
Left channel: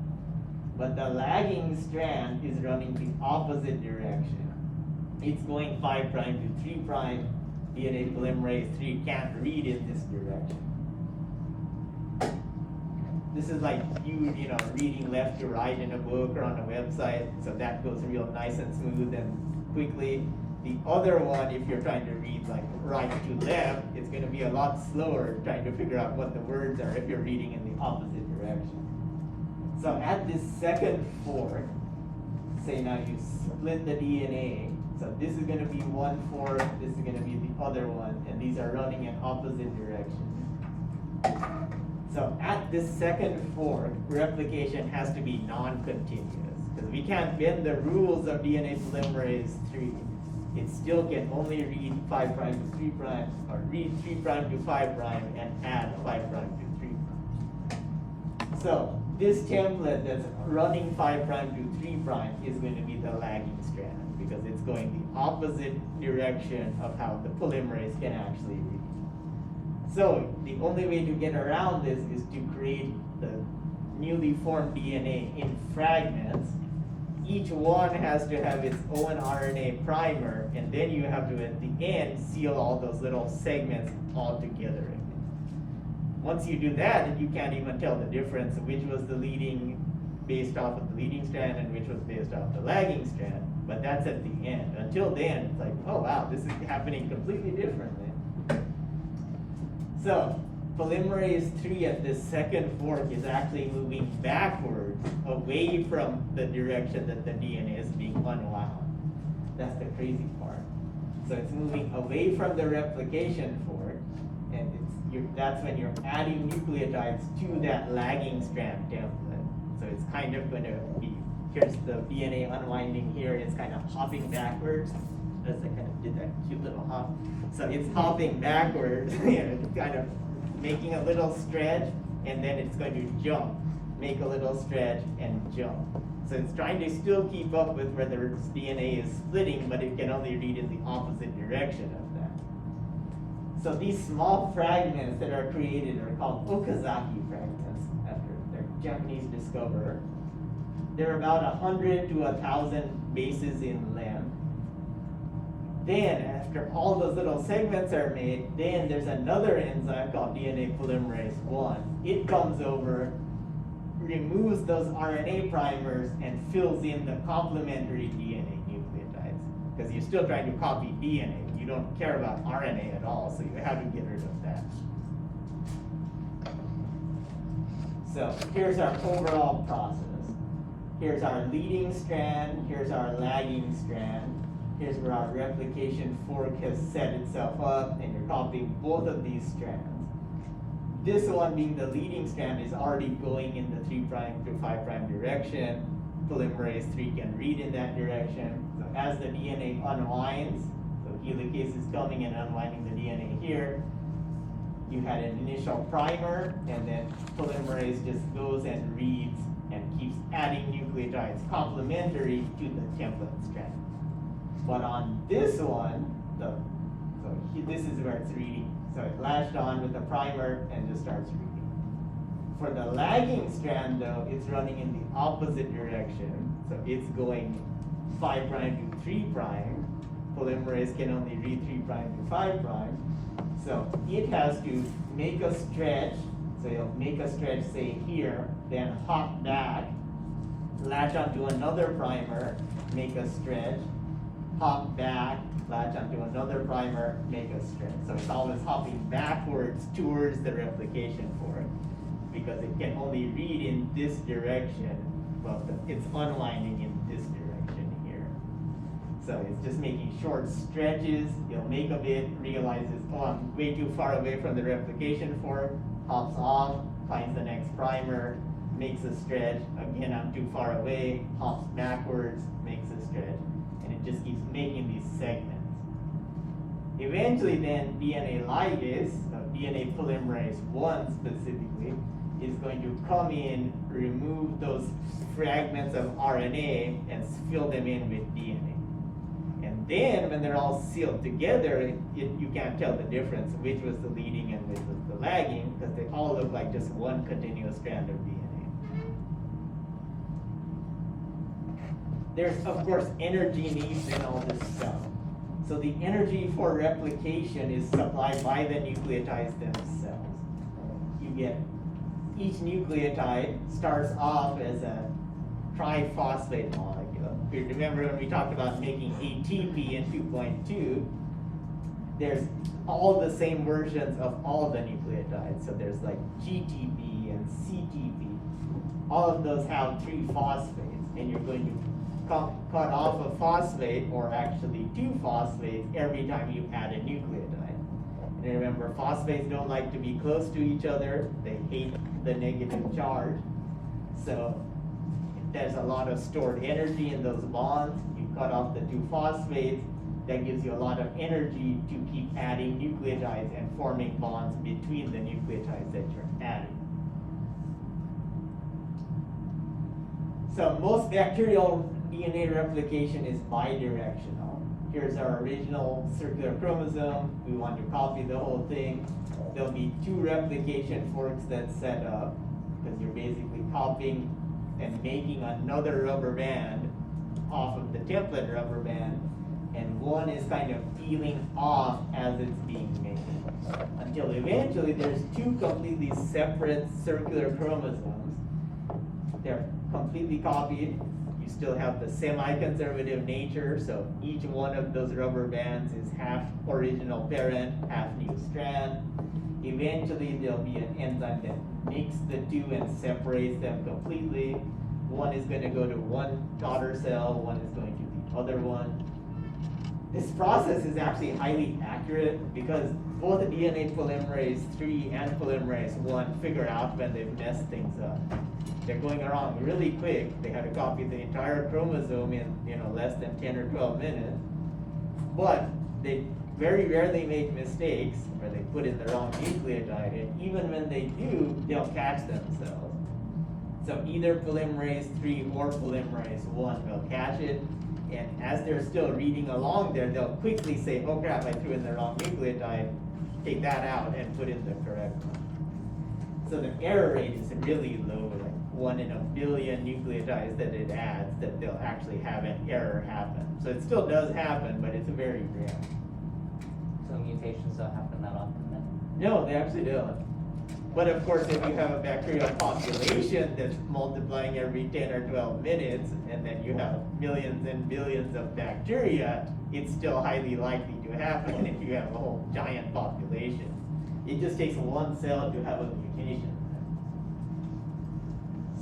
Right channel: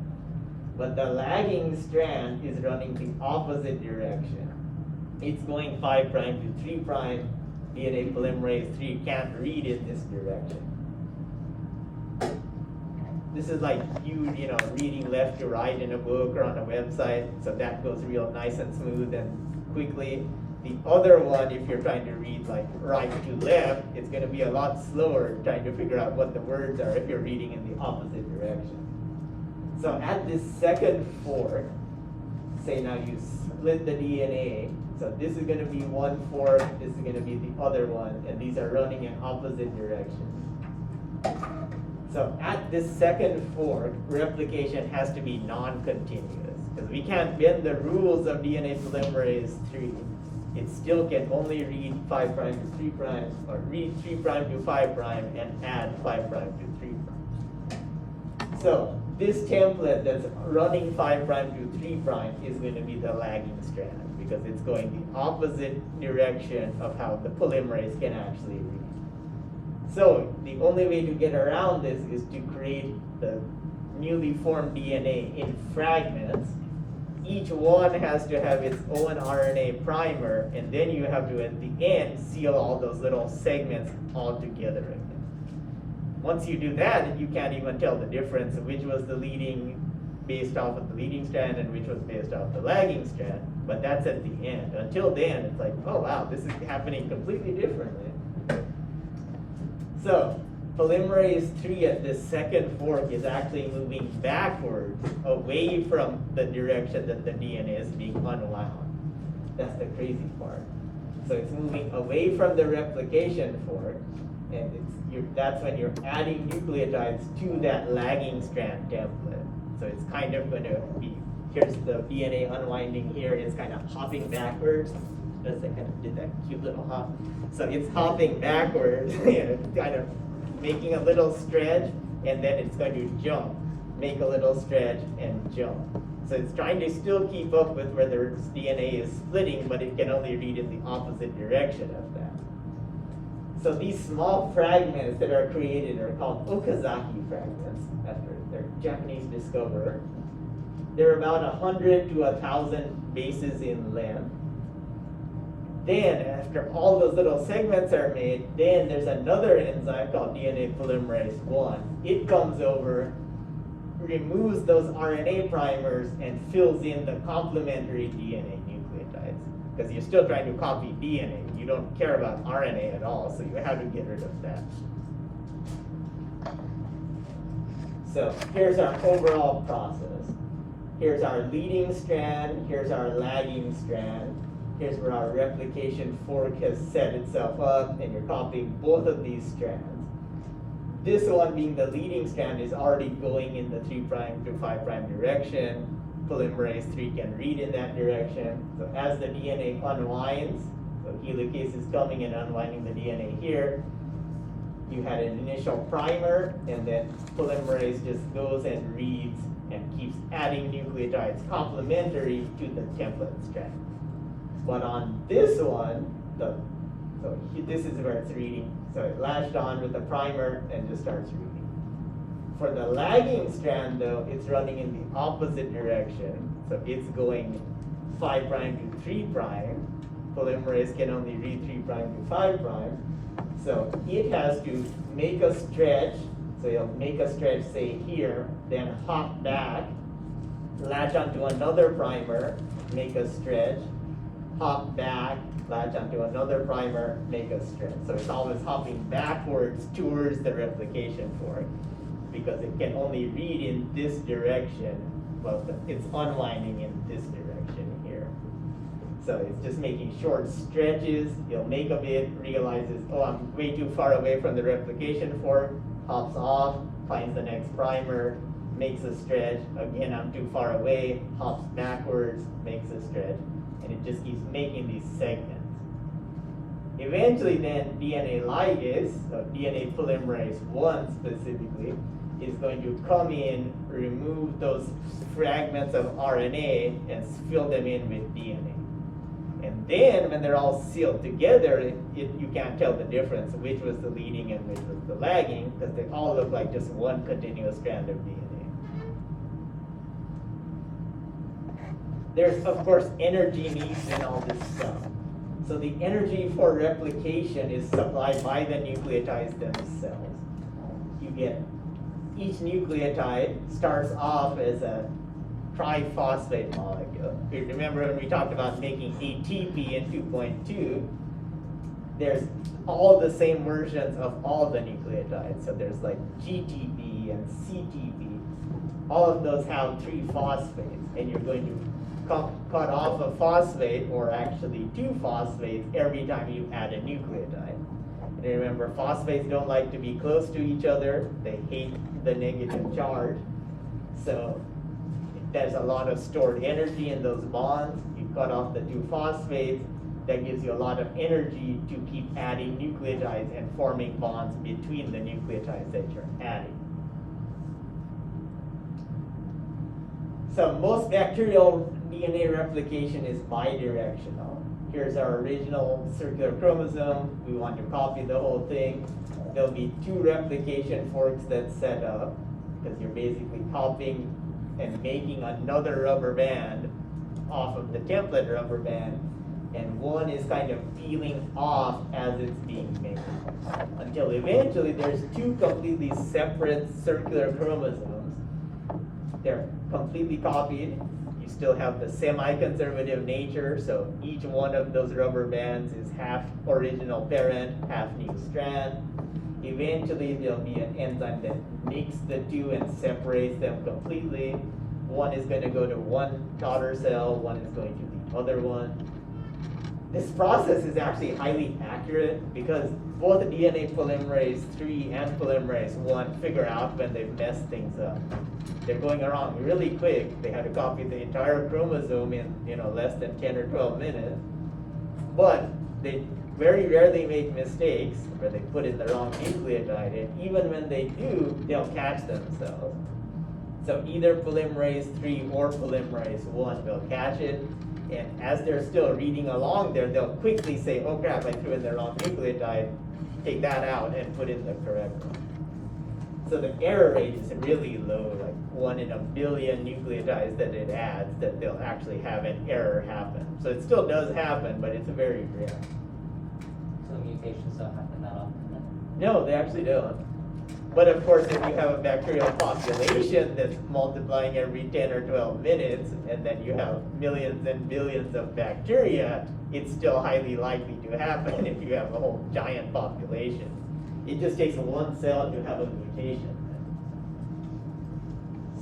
But the lagging strand is running the opposite direction. It's going 5' to 3'. DNA polymerase 3 can't read in this direction. This is like you reading left to right in a book or on a website, so that goes real nice and smooth and quickly. The other one, if you're trying to read like right to left, it's going to be a lot slower trying to figure out what the words are if you're reading in the opposite direction. So at this second fork, say now you split the DNA, so this is going to be one fork, this is going to be the other one, and these are running in opposite directions. So at this second fork, replication has to be non-continuous, because we can't bend the rules of DNA polymerase 3. It still can only read 5' to 3', or read 3' to 5' and add 5' to 3'. So this template that's running 5' to 3' is going to be the lagging strand, because it's going the opposite direction of how the polymerase can actually read. So the only way to get around this is to create the newly formed DNA in fragments. Each one has to have its own RNA primer, and then you have to, at the end, seal all those little segments all together again. Once you do that, you can't even tell the difference of which was the leading based off of the leading strand and which was based off the lagging strand. But that's at the end. Until then, it's like, oh wow, this is happening completely differently. So polymerase 3 at this second fork is actually moving backwards, away from the direction that the DNA is being unwound. That's the crazy part. So it's moving away from the replication fork, and that's when you're adding nucleotides to that lagging strand template. So it's kind of going to be, here's the DNA unwinding here, it's kind of hopping backwards. As I kind of did that cute little hop. So it's hopping backwards, it's kind of making a little stretch, and then it's going to jump, make a little stretch, and jump. So it's trying to still keep up with where the DNA is splitting, but it can only read in the opposite direction of that. So these small fragments that are created are called Okazaki fragments, after their Japanese discoverer. They're about 100 to 1,000 bases in length. Then, after all those little segments are made, then there's another enzyme called DNA polymerase 1. It comes over, removes those RNA primers, and fills in the complementary DNA nucleotides. Because you're still trying to copy DNA. You don't care about RNA at all, so you have to get rid of that. So, here's our overall process. Here's our leading strand, here's our lagging strand. Here's where our replication fork has set itself up, and you're copying both of these strands. this one being the leading strand is already going in the 3' to 5' direction. Polymerase 3 can read in that direction. So as the DNA unwinds, so helicase is coming and unwinding the DNA here, you had an initial primer, and then polymerase just goes and reads and keeps adding nucleotides complementary to the template strand. But on this one, this is where it's reading. So it latched on with the primer and just starts reading. For the lagging strand though, it's running in the opposite direction. So it's going 5' to 3'. Polymerase can only read 3' to 5'. So it has to make a stretch. So it'll make a stretch, say here, then hop back, latch onto another primer, make a stretch, hop back, latch onto another primer, make a stretch. So it's always hopping backwards towards the replication fork because it can only read in this direction. Well, it's unwinding in this direction here. So it's just making short stretches. You'll make a bit, realizes, oh, I'm way too far away from the replication fork, hops off, finds the next primer, makes a stretch. Again, I'm too far away, hops backwards, makes a stretch. And it just keeps making these segments. Eventually then DNA ligase, DNA polymerase 1 specifically, is going to come in, remove those fragments of RNA and fill them in with DNA. And then when they're all sealed together, you can't tell the difference which was the leading and which was the lagging because they all look like just one continuous strand of DNA. There's, of course, energy needs in all this stuff. So the energy for replication is supplied by the nucleotides themselves. You get, each nucleotide starts off as a triphosphate molecule. If you remember when we talked about making ATP in 2.2, there's all the same versions of all the nucleotides. So there's like GTP and CTP. All of those have 3 phosphates, and you're going to cut off a phosphate, or actually 2 phosphates, every time you add a nucleotide. And remember, phosphates don't like to be close to each other. They hate the negative charge. So there's a lot of stored energy in those bonds. You cut off the 2 phosphates, that gives you a lot of energy to keep adding nucleotides and forming bonds between the nucleotides that you're adding. So most bacterial DNA replication is bidirectional. Here's our original circular chromosome. We want to copy the whole thing. There'll be 2 replication forks that's set up because you're basically copying and making another rubber band off of the template rubber band, and one is kind of peeling off as it's being made. Until eventually there's 2 completely separate circular chromosomes. They're completely copied. You still have the semi-conservative nature, so each one of those rubber bands is half original parent, half new strand. Eventually there'll be an enzyme that makes the 2 and separates them completely. One is going to go to one daughter cell, one is going to the other one. This process is actually highly accurate because both DNA polymerase 3 and polymerase 1 figure out when they've messed things up. They're going around really quick. They have to copy the entire chromosome in less than 10 or 12 minutes. But they very rarely make mistakes where they put in the wrong nucleotide, and even when they do, they'll catch themselves. So either polymerase 3 or polymerase 1 will catch it, and as they're still reading along there, they'll quickly say, oh crap, I threw in the wrong nucleotide, take that out and put in the correct one. So the error rate is really low, like 1 in a billion nucleotides that it adds, that they'll actually have an error happen. So it still does happen, but it's very rare. So mutations don't happen that often then? No, they actually don't. But of course, if you have a bacterial population that's multiplying every 10 or 12 minutes, and then you have millions and billions of bacteria, it's still highly likely to happen if you have a whole giant population. It just takes one cell to have a mutation.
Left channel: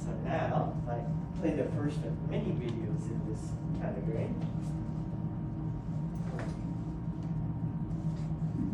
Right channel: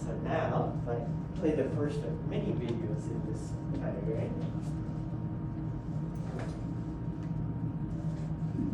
So now, if I play the first of many videos in this category.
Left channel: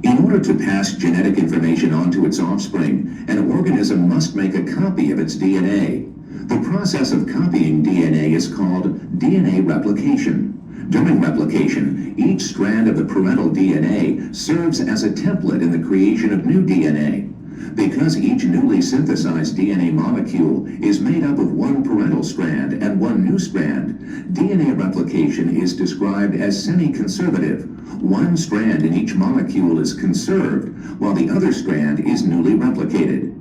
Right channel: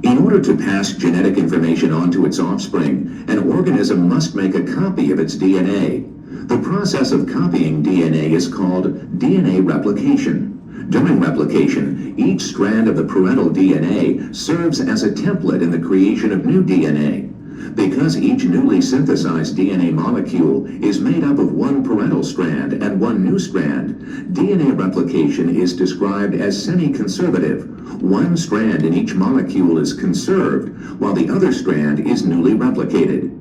In order to pass genetic information on to its offspring, an organism must make a copy of its DNA. The process of copying DNA is called DNA replication. During replication, each strand of the parental DNA serves as a template in the creation of new DNA. Because each newly synthesized DNA molecule is made up of one parental strand and one new strand, DNA replication is described as semi-conservative. One strand in each molecule is conserved, while the other strand is newly replicated.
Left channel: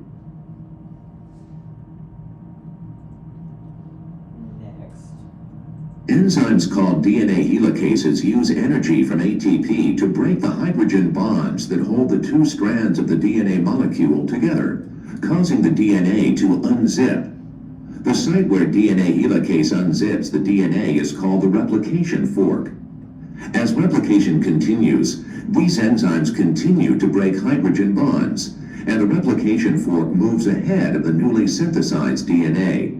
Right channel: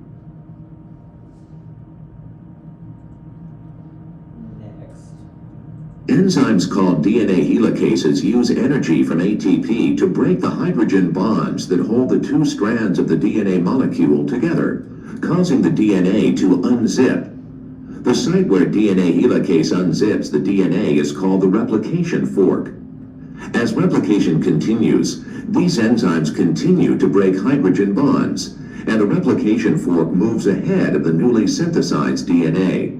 Enzymes called DNA helicases use energy from ATP to break the hydrogen bonds that hold the two strands of the DNA molecule together, causing the DNA to unzip. The site where DNA helicase unzips the DNA is called the replication fork. As replication continues, these enzymes continue to break hydrogen bonds, and the replication fork moves ahead of the newly synthesized DNA.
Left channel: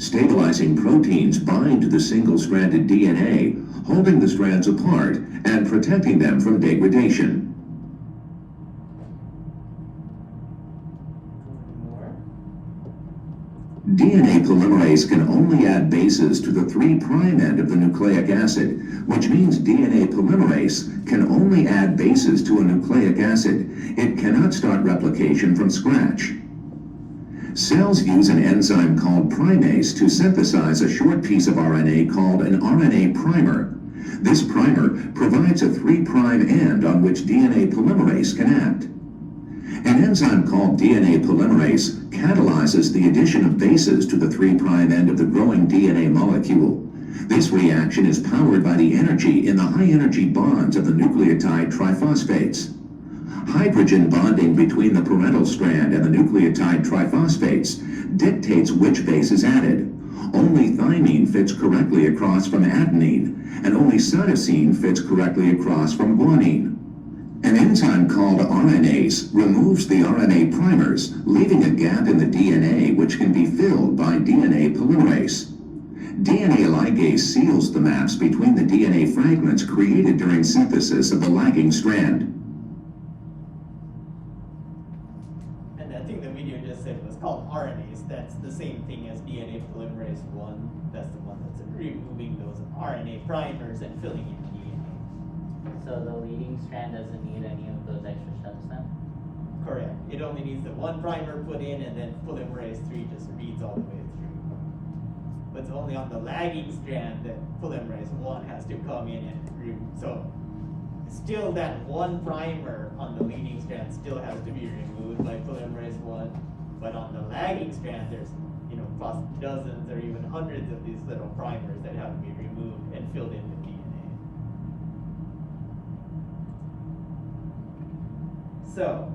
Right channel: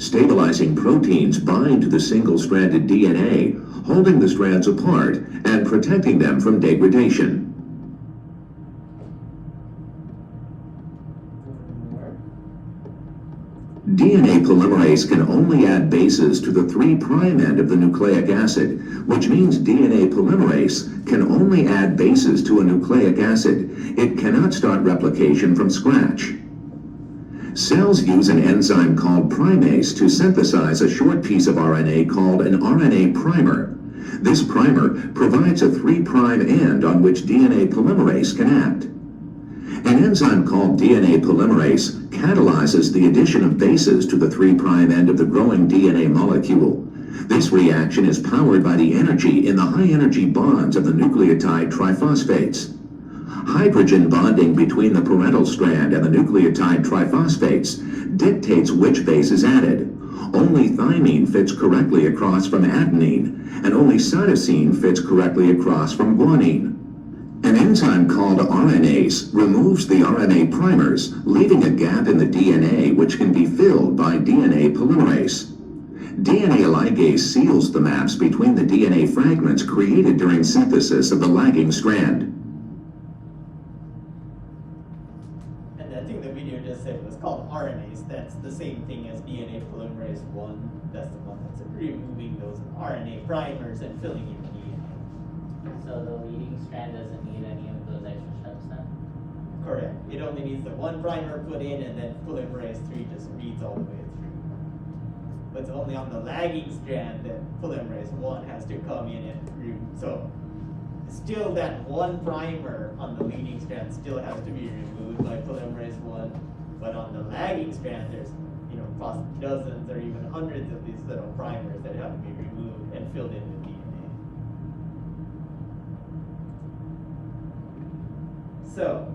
Stabilizing proteins bind to the single-stranded DNA, holding the strands apart and protecting them from degradation. DNA polymerase can only add bases to the 3' end of the nucleic acid, which means DNA polymerase can only add bases to a nucleic acid. It cannot start replication from scratch. Cells use an enzyme called primase to synthesize a short piece of RNA called an RNA primer. This primer provides a 3' end on which DNA polymerase can act. An enzyme called DNA polymerase catalyzes the addition of bases to the 3' end of the growing DNA molecule. This reaction is powered by the energy in the high-energy bonds of the nucleotide triphosphates. Hydrogen bonding between the parental strand and the nucleotide triphosphates dictates which base is added. Only thymine fits correctly across from adenine, and only cytosine fits correctly across from guanine. An enzyme called RNase removes the RNA primers, leaving a gap in the DNA which can be filled by DNA polymerase. DNA ligase seals the maps between the DNA fragments created during synthesis of the lagging strand. And I think the video just said it was called RNase. That's the same thing as DNA polymerase 1. That's the one that's removing those RNA primers and filling in DNA. So the leading strand doesn't need any of those extra steps then? Correct. It only needs the one primer put in, and then polymerase 3 just reads all the way through. But it's only on the lagging strand that polymerase 1 has to come in and remove. So still that one primer on the leading strand still has to be removed by polymerase 1. But on the lagging strand, there's dozens or even hundreds of these little primers that have to be removed and filled in with DNA. So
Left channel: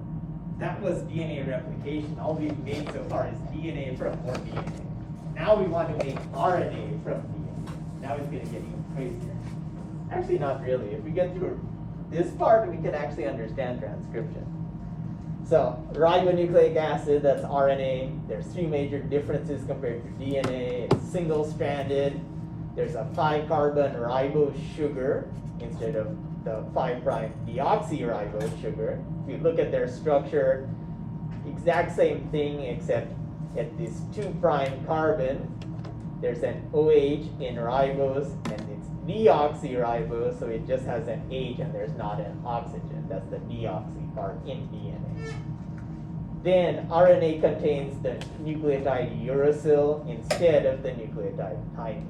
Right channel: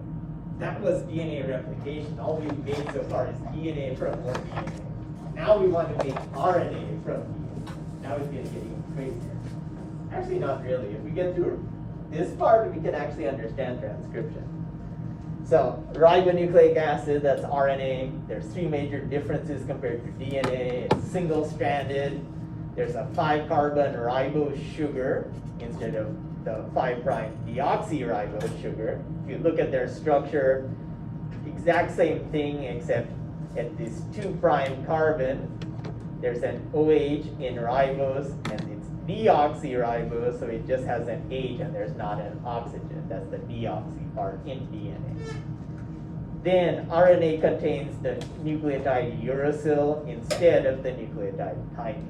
that was DNA replication. All we've made so far is DNA from more DNA. Now we want to make RNA from DNA. Now it's going to get even crazier. Actually, not really. If we get through this part, we can actually understand transcription. So ribonucleic acid, that's RNA. There's 3 major differences compared to DNA. It's single-stranded. There's a 5-carbon ribose sugar instead of the 5' deoxyribose sugar. If you look at their structure, exact same thing, except at this 2' carbon, there's an OH in ribose, and it's deoxyribose, so it just has an H and there's not an oxygen. That's the deoxy part in DNA. Then RNA contains the nucleotide uracil instead of the nucleotide thymine.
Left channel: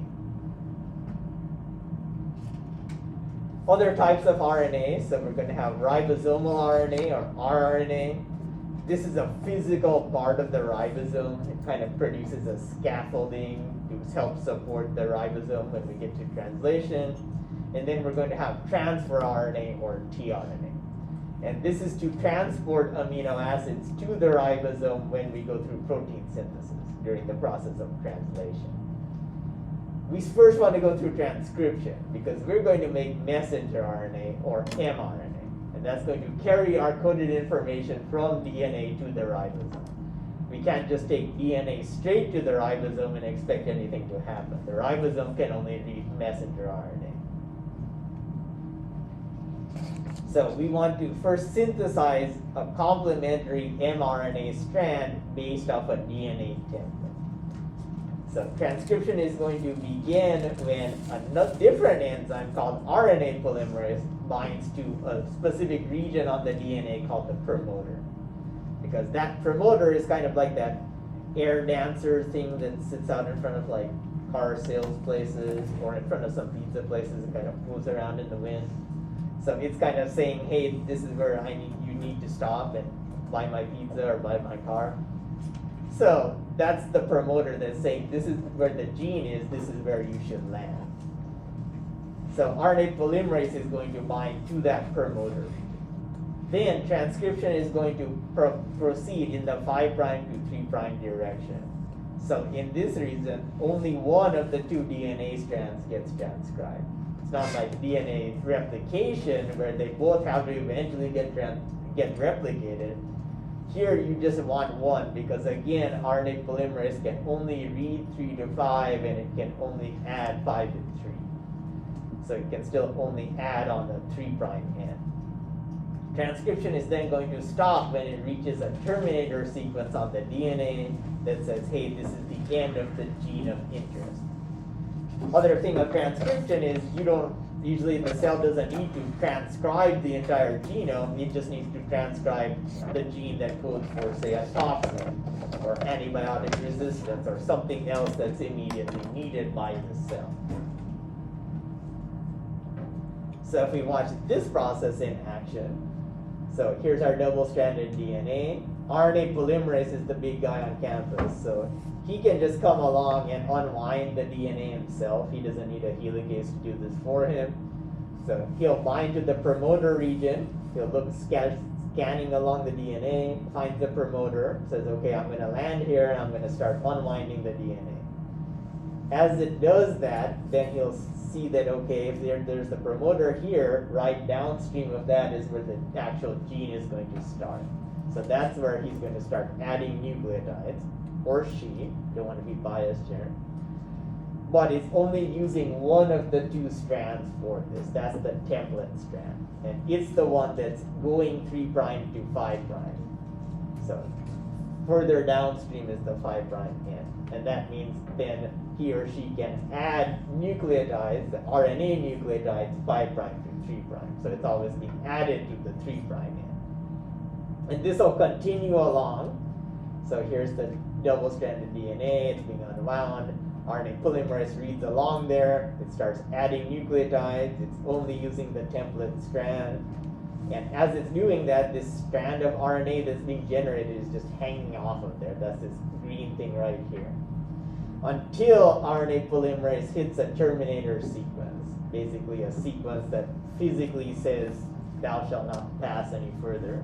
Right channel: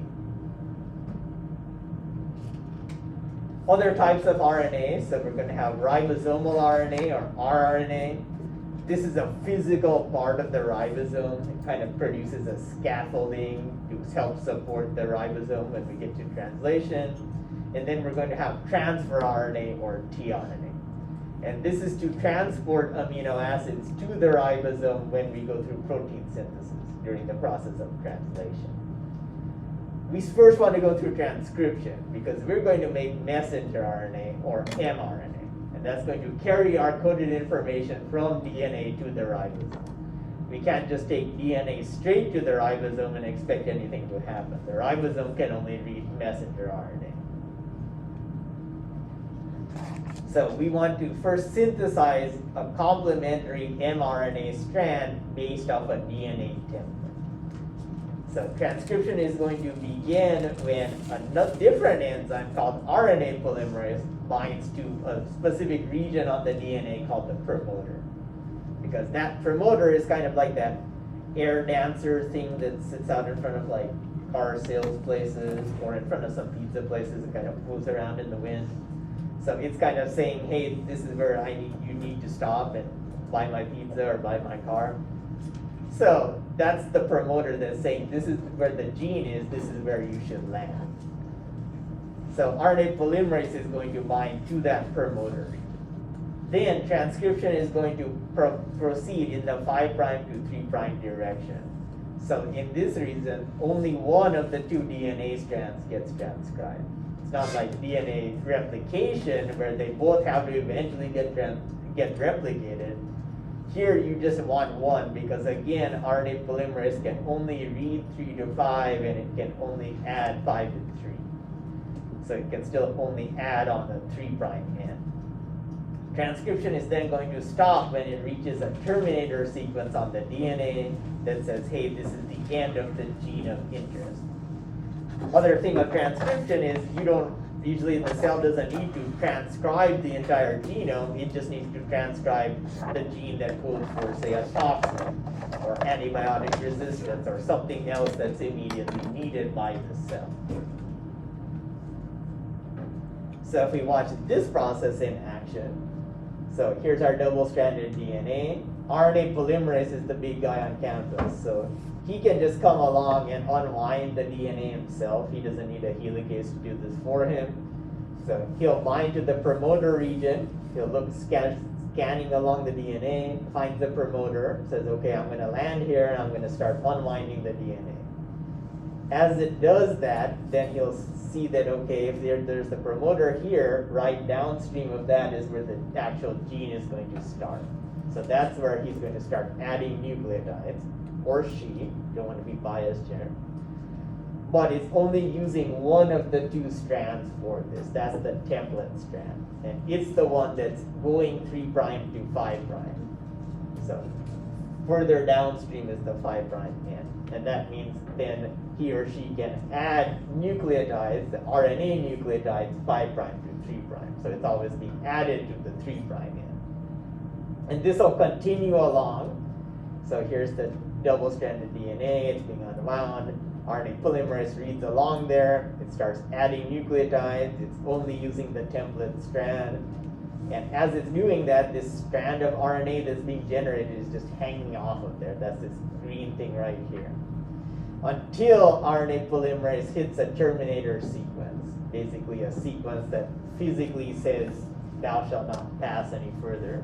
Other types of RNA, so we're going to have ribosomal RNA or rRNA. This is a physical part of the ribosome. It kind of produces a scaffolding to help support the ribosome when we get to translation. And then we're going to have transfer RNA or tRNA. And this is to transport amino acids to the ribosome when we go through protein synthesis during the process of translation. We first want to go through transcription because we're going to make messenger RNA or mRNA. And that's going to carry our coded information from DNA to the ribosome. We can't just take DNA straight to the ribosome and expect anything to happen. The ribosome can only read messenger RNA. So we want to first synthesize a complementary mRNA strand based off a DNA template. So transcription is going to begin when a different enzyme called RNA polymerase binds to a specific region on the DNA called the promoter. Because that promoter is kind of like that air dancer thing that sits out in front of like car sales places or in front of some pizza places and kind of moves around in the wind. So it's kind of saying, hey, this is where you need to stop and buy my pizza or buy my car. So that's the promoter that's saying this is where the gene is, this is where you should land. So RNA polymerase is going to bind to that promoter. Then transcription is going to proceed in the 5' to 3' direction. So in this reason, only one of the two DNA strands gets transcribed. It's not like DNA replication where they both have to eventually get replicated. Here you just want one because again, RNA polymerase can only read 3 to 5 and it can only add 5 to 3. So it can still only add on the 3' end. Transcription is then going to stop when it reaches a terminator sequence on the DNA that says, hey, this is the end of the gene of interest. Other thing about transcription is usually the cell doesn't need to transcribe the entire genome, it just needs to transcribe the gene that codes for, say, a toxin or antibiotic resistance or something else that's immediately needed by the cell. So if we watch this process in action, so here's our double-stranded DNA. RNA polymerase is the big guy on campus, so he can just come along and unwind the DNA himself. He doesn't need a helicase to do this for him. So he'll bind to the promoter region. He'll look scanning along the DNA, finds the promoter, says, okay, I'm going to land here, and I'm going to start unwinding the DNA. As it does that, then he'll see that, okay, if there's the promoter here, right downstream of that is where the actual gene is going to start. So that's where he's going to start adding nucleotides, or she, don't want to be biased here. But it's only using one of the two strands for this. That's the template strand. And it's the one that's going 3' to 5'. So further downstream is the 5' end. And that means then he or she can add nucleotides, the RNA nucleotides, 5' to 3'. So it's always being added to the 3' end. And this will continue along. So here's the double-stranded DNA, it's being unwound. RNA polymerase reads along there, it starts adding nucleotides, it's only using the template strand. And as it's doing that, this strand of RNA that's being generated is just hanging off of there. That's this green thing right here. Until RNA polymerase hits a terminator sequence, basically a sequence that physically says, thou shalt not pass any further.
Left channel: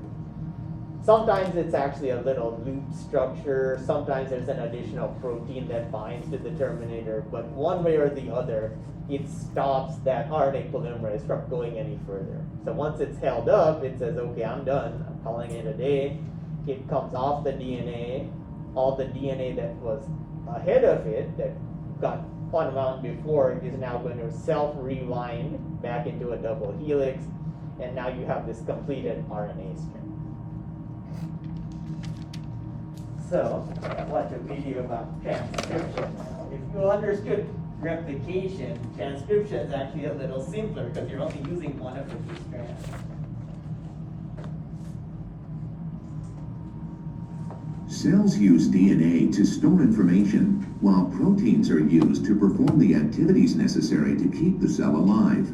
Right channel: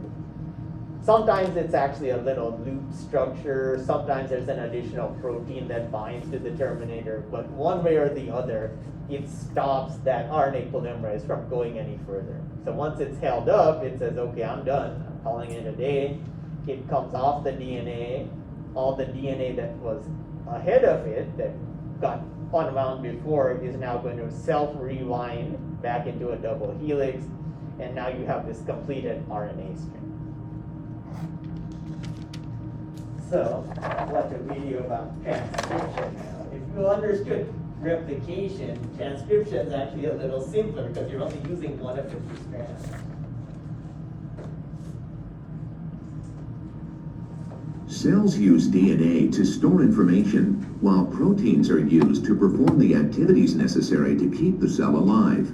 Sometimes it's actually a little loop structure, sometimes there's an additional protein that binds to the terminator, but one way or the other, it stops that RNA polymerase from going any further. So once it's held up, it says, okay, I'm done, I'm calling it a day. It comes off the DNA, all the DNA that was ahead of it, that got unwound before, is now going to self-rewind back into a double helix, and now you have this completed RNA strand. So, watch a video about transcription now. If you understood replication, transcription is actually a little simpler because you're only using one of the two strands. Cells use DNA to store information, while proteins are used to perform the activities necessary to keep the cell alive.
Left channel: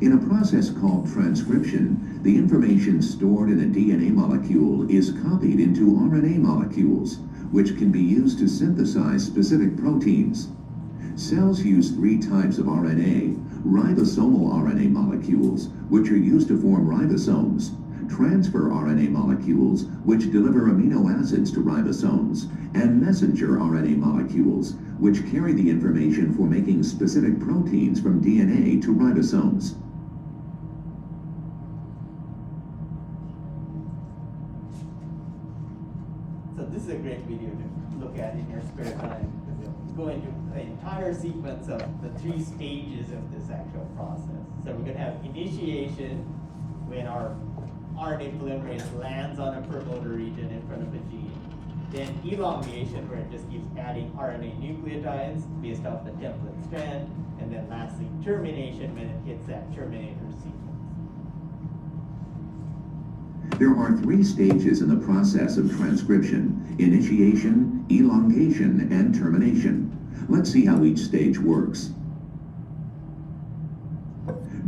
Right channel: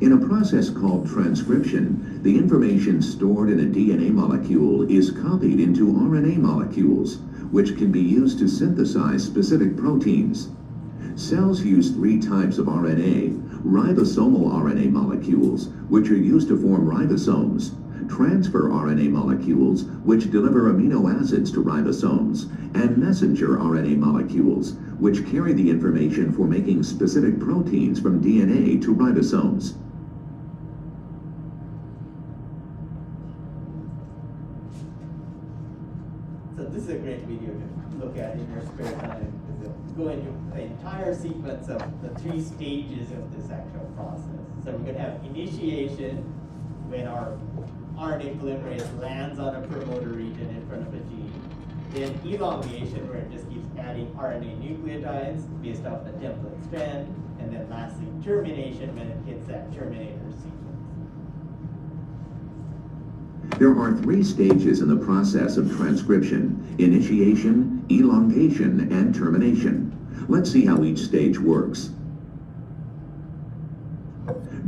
In a process called transcription, the information stored in a DNA molecule is copied into RNA molecules, which can be used to synthesize specific proteins. Cells use 3 types of RNA: ribosomal RNA molecules, which are used to form ribosomes, transfer RNA molecules, which deliver amino acids to ribosomes, and messenger RNA molecules, which carry the information for making specific proteins from DNA to ribosomes. So this is a great video to look at in your spare time. We'll go into the entire sequence of the 3 stages of this actual process. So we're going to have initiation when our RNA polymerase lands on a promoter region in front of a gene. Then elongation, where it just keeps adding RNA nucleotides based off the template strand. And then lastly, termination, when it hits that terminator sequence. There are 3 stages in the process of transcription: initiation, elongation, and termination. Let's see how each stage works.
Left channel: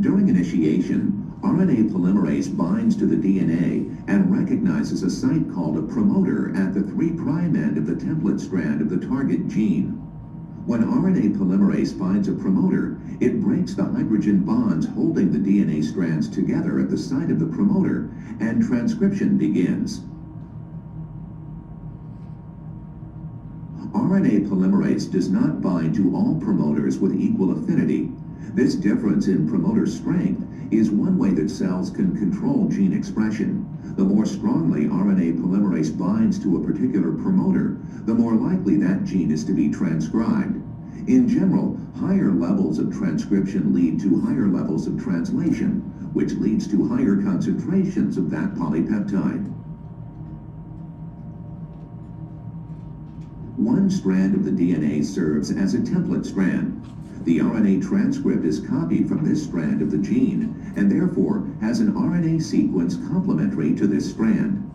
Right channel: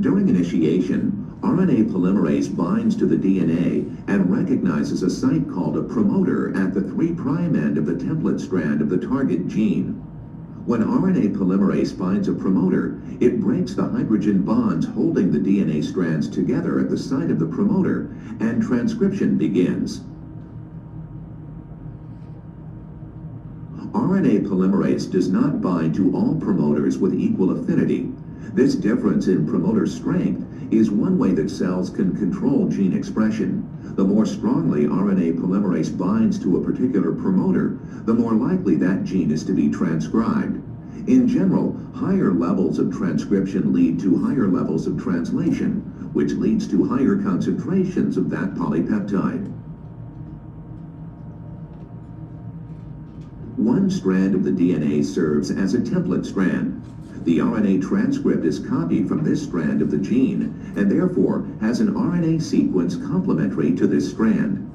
During initiation, RNA polymerase binds to the DNA and recognizes a site called a promoter at the 3' end of the template strand of the target gene. When RNA polymerase finds a promoter, it breaks the hydrogen bonds holding the DNA strands together at the site of the promoter, and transcription begins. RNA polymerase does not bind to all promoters with equal affinity. This difference in promoter strength is one way that cells can control gene expression. The more strongly RNA polymerase binds to a particular promoter, the more likely that gene is to be transcribed. In general, higher levels of transcription lead to higher levels of translation, which leads to higher concentrations of that polypeptide. One strand of the DNA serves as a template strand. The RNA transcript is copied from this strand of the gene, and therefore has an RNA sequence complementary to this strand.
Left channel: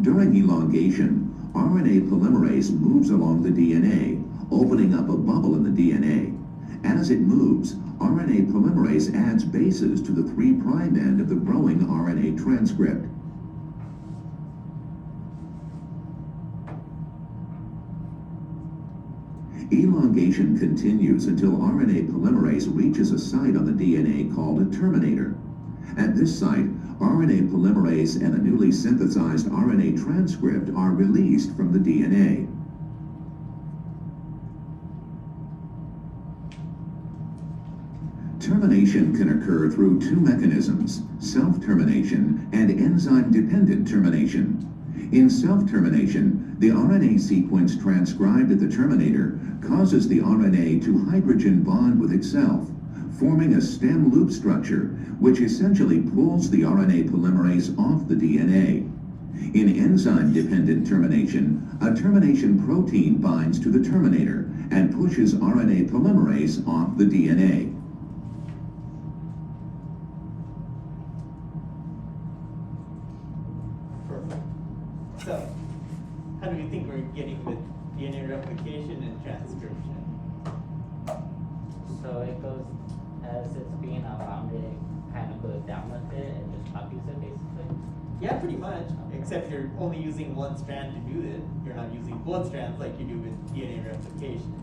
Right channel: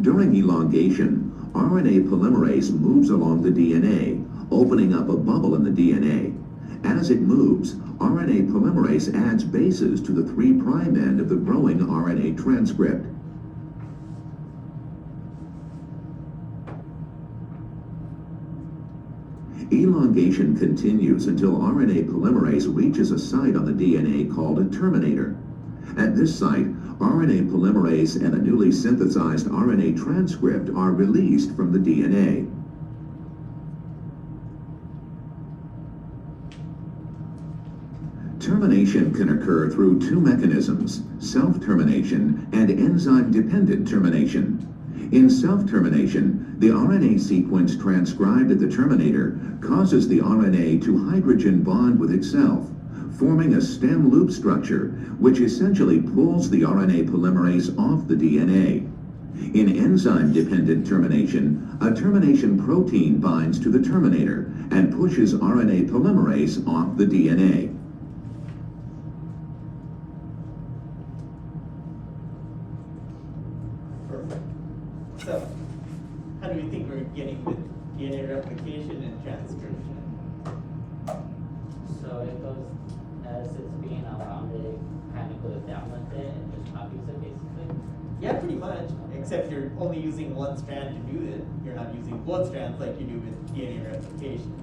During elongation, RNA polymerase moves along the DNA, opening up a bubble in the DNA. As it moves, RNA polymerase adds bases to the 3' end of the growing RNA transcript. Elongation continues until RNA polymerase reaches a site on the DNA called a terminator. At this site, RNA polymerase and a newly synthesized RNA transcript are released from the DNA. Termination can occur through 2 mechanisms: self-termination and enzyme-dependent termination. In self-termination, the RNA sequence transcribed at the terminator causes the RNA to hydrogen bond with itself, forming a stem loop structure, which essentially pulls the RNA polymerase off the DNA. In enzyme-dependent termination, a termination protein binds to the terminator and pushes RNA polymerase off the DNA. Perfect. So, how do we think we're getting with DNA replication and transcription? So it goes, as it's being around it, kind of goes down with it and just copies it basically. Yeah, pretty much. Except you're only using one strand to do it. You're not using both strands like you do with DNA replication.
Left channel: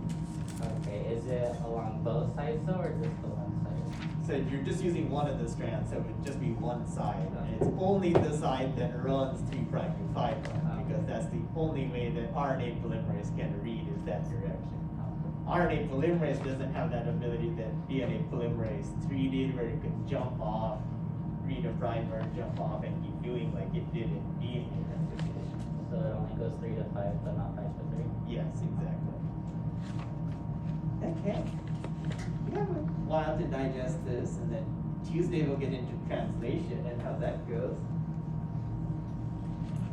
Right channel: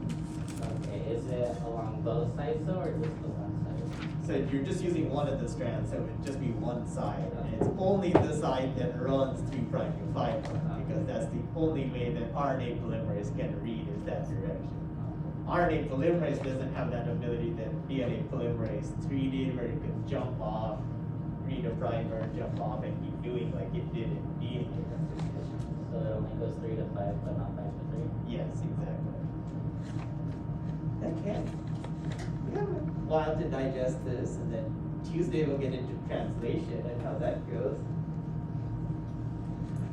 Okay, is it along both sides though, or just the one side? So you're just using one of the strands, so it would just be one side. And it's only the side that runs 3' to 5', because that's the only way that RNA polymerase can read is that direction. RNA polymerase doesn't have that ability that DNA polymerase 3 did, where it could jump off, read a primer, jump off, and keep doing like it did in DNA replication. So it only goes 3 to 5, but not 5 to 3. Yes, exactly. Okay. We have a while to digest this, and then Tuesday we'll get into translation and how that goes.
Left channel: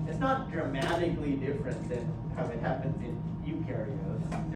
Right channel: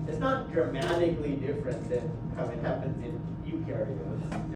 It's not dramatically different than how it happens in eukaryotes.